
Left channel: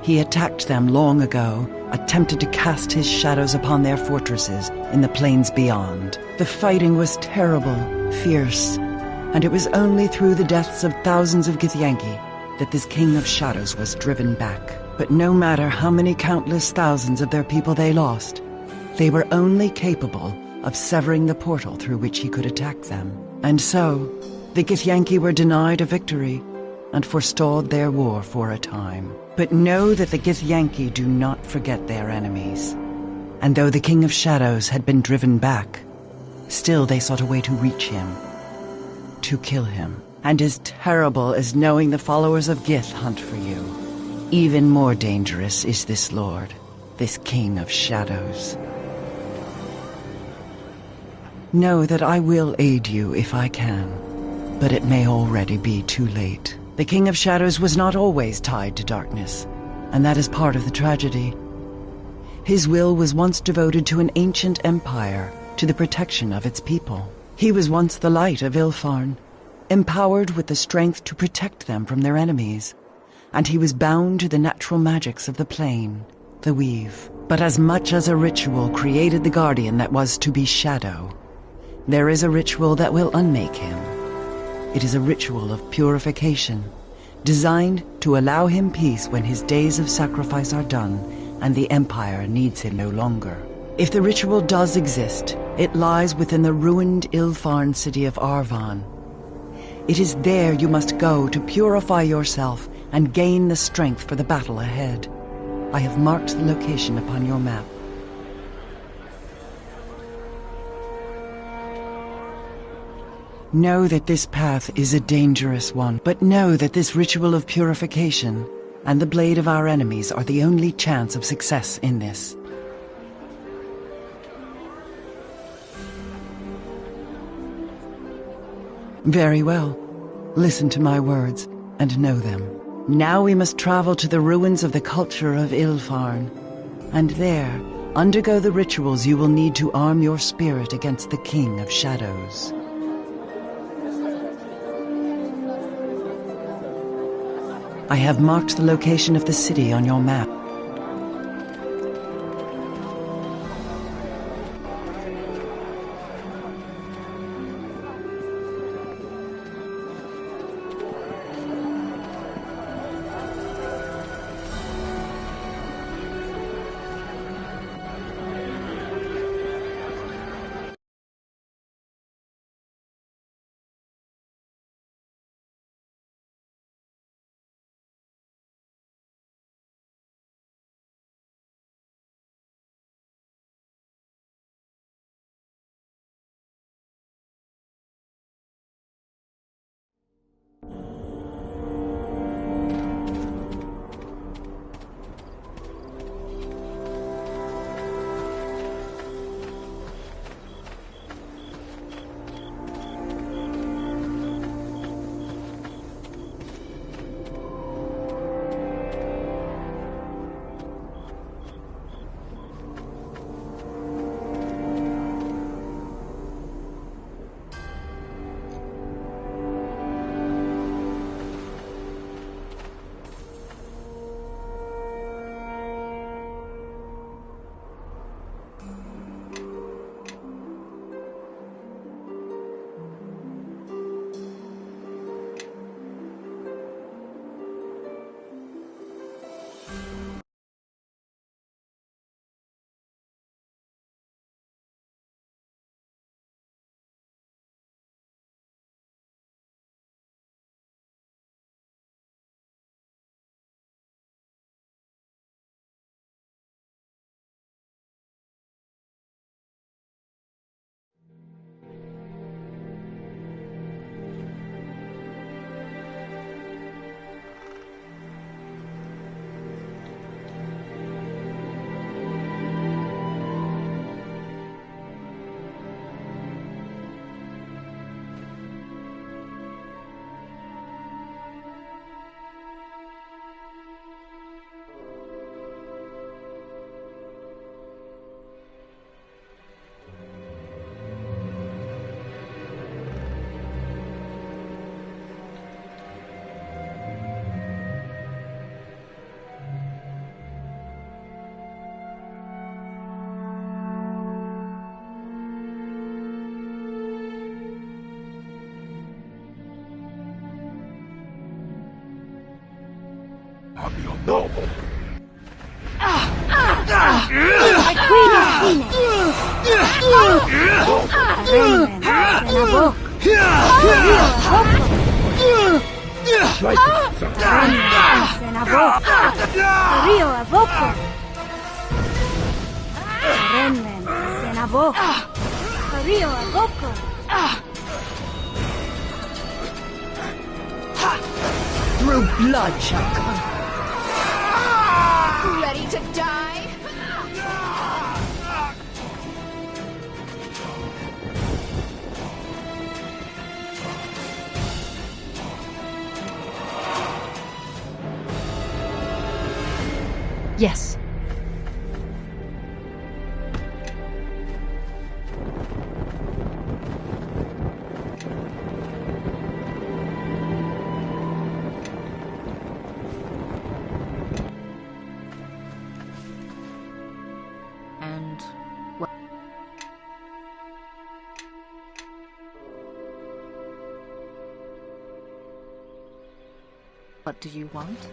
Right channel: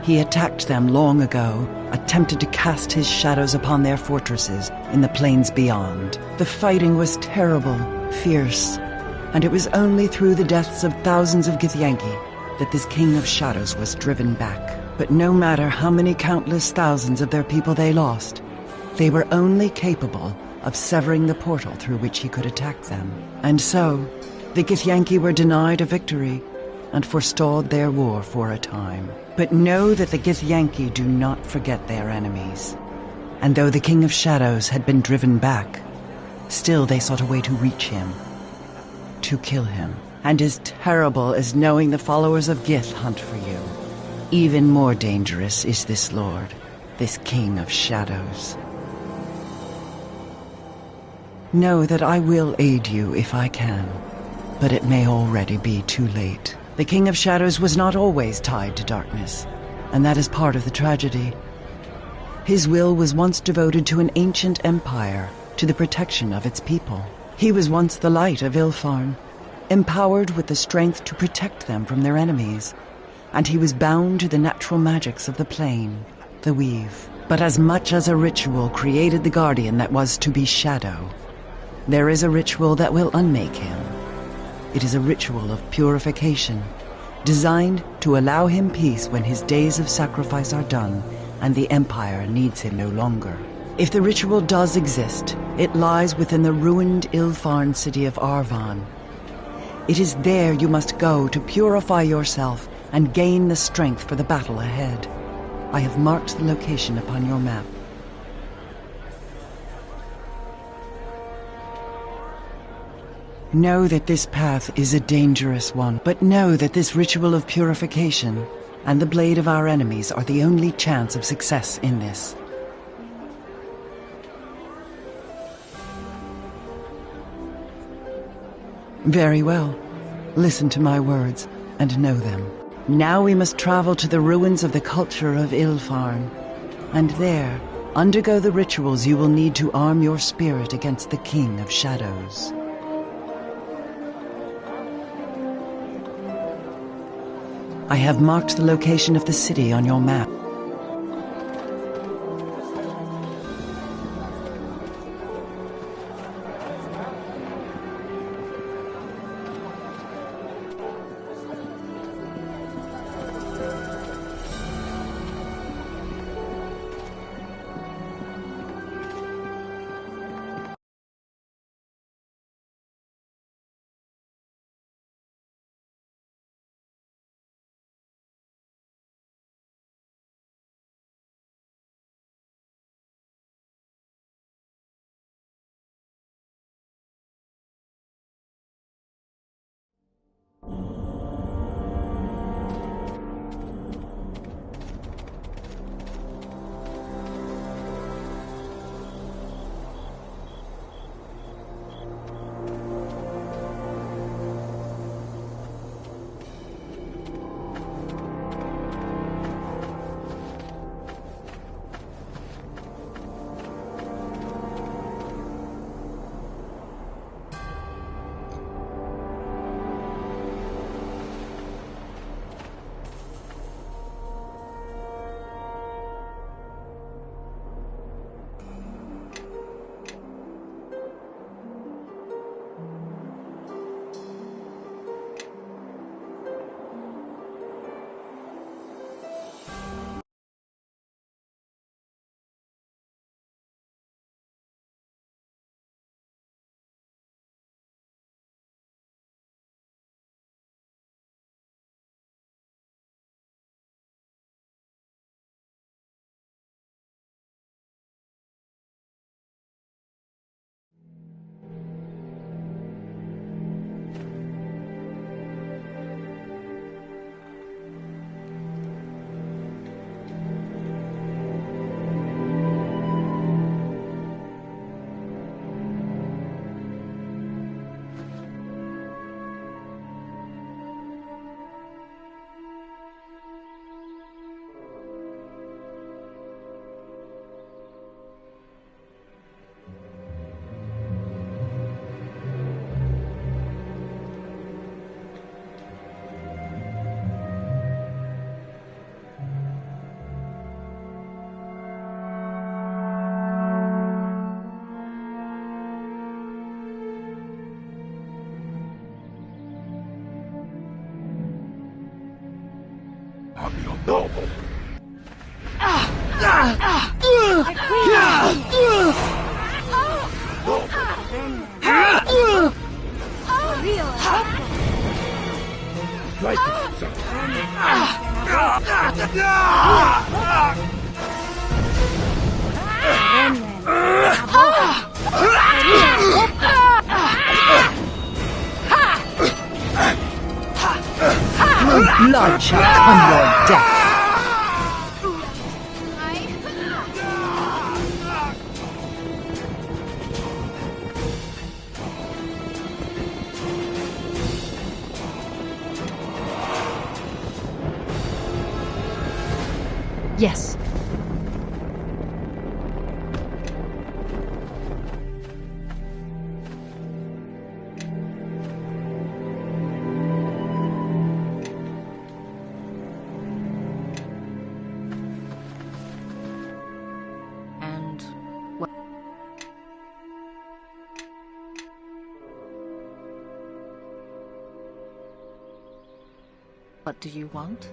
He attacked them long ago, attempted to cast his shadows upon their fortresses in the plains beyond. The fighting was terrible, fierce, and it was only through the deaths of thousands of Githyanki that this King of Shadows was driven back. But no matter how many countless thousands of their people they lost, they were only capable of severing the portal through which he could attack them. And so, the Githyanki were denied a victory and forestalled their war for a time. But know that the Githyanki do not forget their enemies. And though the King of Shadows had been driven back, still they sought a way to reach him, to kill him. And as terrible as knowing the followers of Gith hunt for you, even more dangerous is this lord, this King of Shadows. Know that I will aid you if I can, but it may already be too late. The King of Shadows was not always tied to darkness, and that is part of the tragedy. His will was once devoted to an ancient empire, to the protection of its people. He was once the light of Ilfarn, empowered with the strength to protect them from their enemies, and he was bound to the natural magics of the plane, the weave. But as much as a ritual created the guardian that was to be Shadow, there is a ritual that will unmake him. It is a ritual of purification, designed to allow him peace when his days of sacrifice are done and the Empire needs him no longer. If the ritual does exist, it lies within the ruined Ilfarn city of Arvan. It is there you must go to purify yourself and gain the strength for the battle ahead. I have marked the location upon your map. Know that this path is a dangerous one, but know that this ritual of purification and the blade of our enemies are the only chance of success in this. Very well. Listen to my words and know them. Now we must travel to the ruins of the culture of Ilfarn, and there undergo the rituals you will need to arm your spirit against the King of Shadows. I have marked the location of the city on your map. Through blood shall come your death. Ready to die? Yes. And what do you want?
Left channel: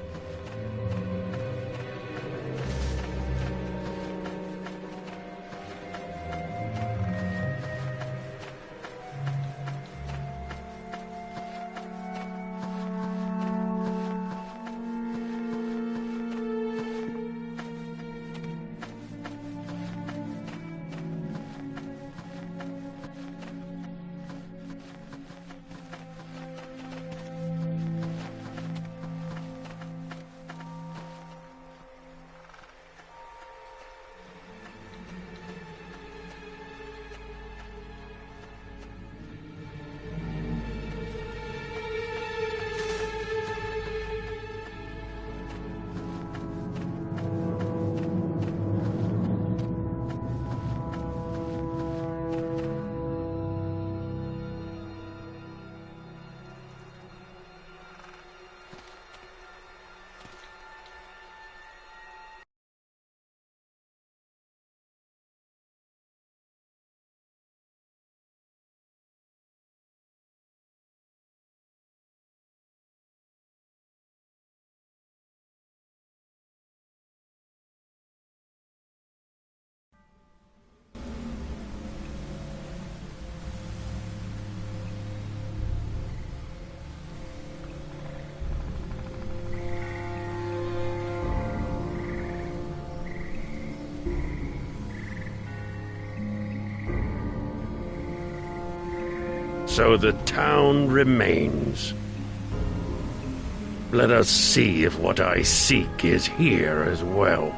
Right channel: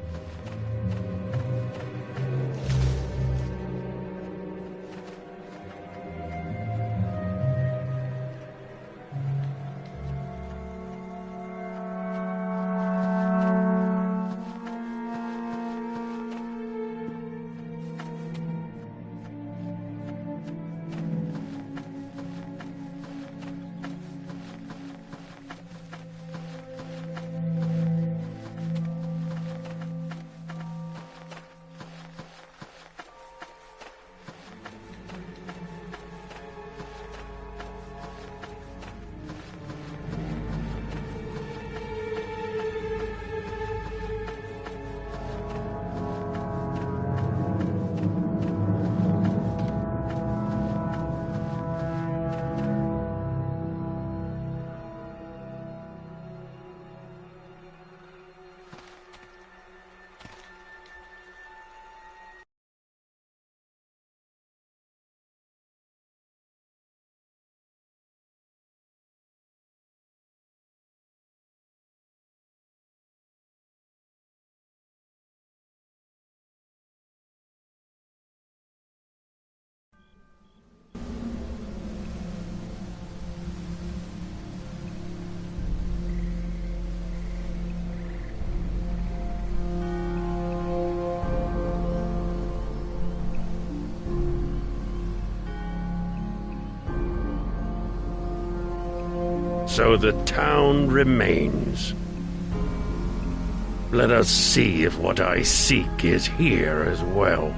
So the town remains. Let us see if what I seek is here as well.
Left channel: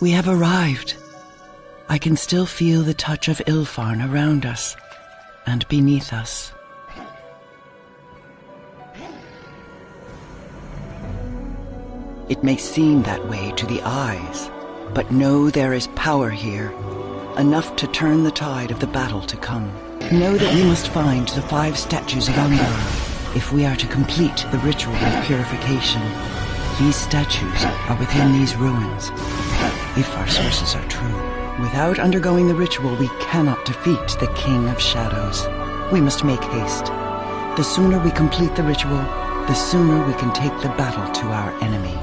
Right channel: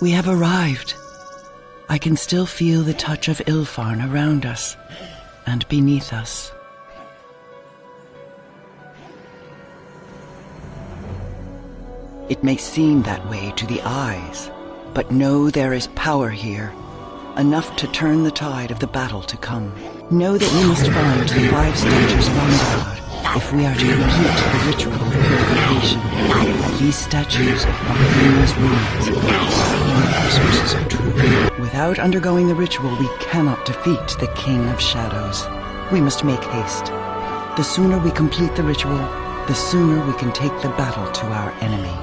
We have arrived. I can still feel the touch of Ilfarn around us and beneath us. It may seem that way to the eyes, but know there is power here, enough to turn the tide of the battle to come. Know that we must find the 5 statues of Angard if we are to complete the ritual of purification. These statues are within these ruins, if our sources are true. Without undergoing the ritual, we cannot defeat the King of Shadows. We must make haste. The sooner we complete the ritual, the sooner we can take the battle to our enemy.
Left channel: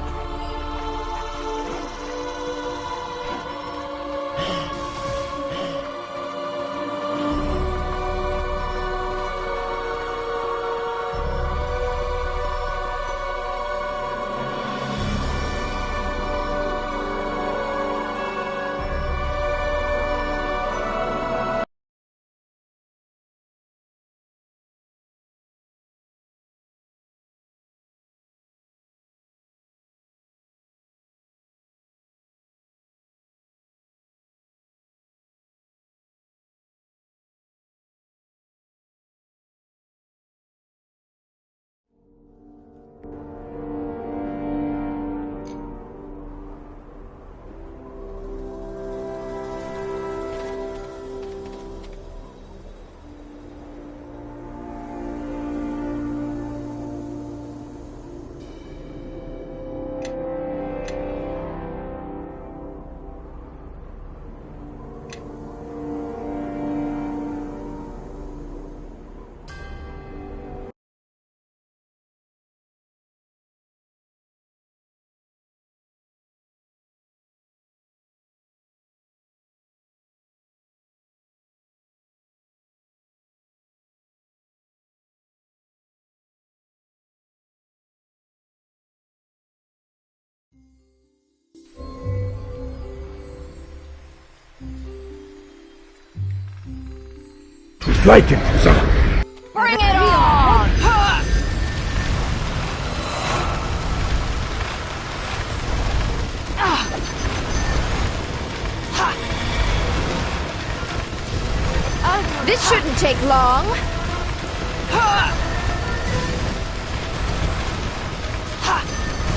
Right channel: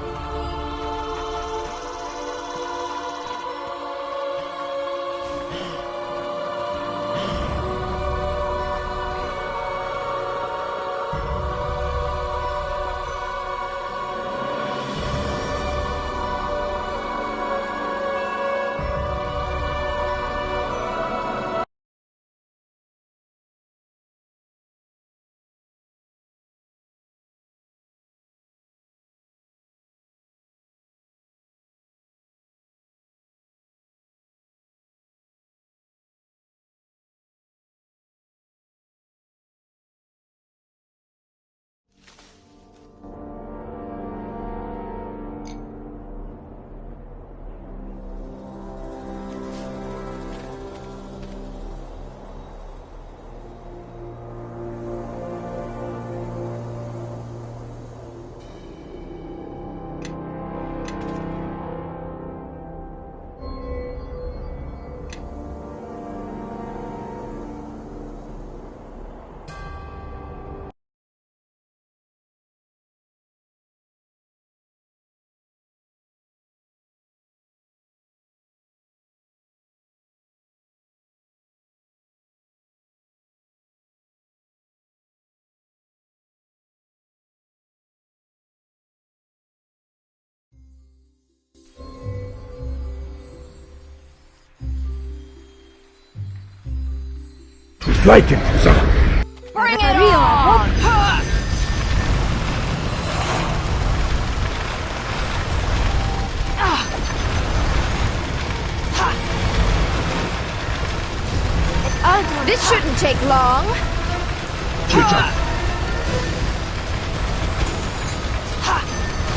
Like it, son. Bring it on! This shouldn't take long.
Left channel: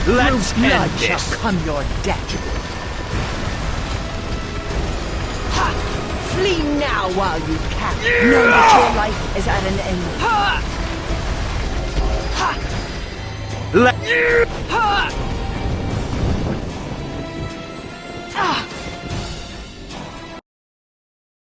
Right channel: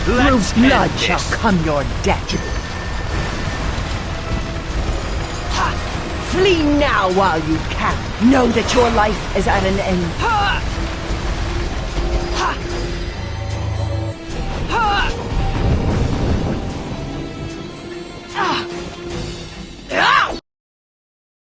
Through blood shall come your death. Flee now while you can. Know that your life is at an end.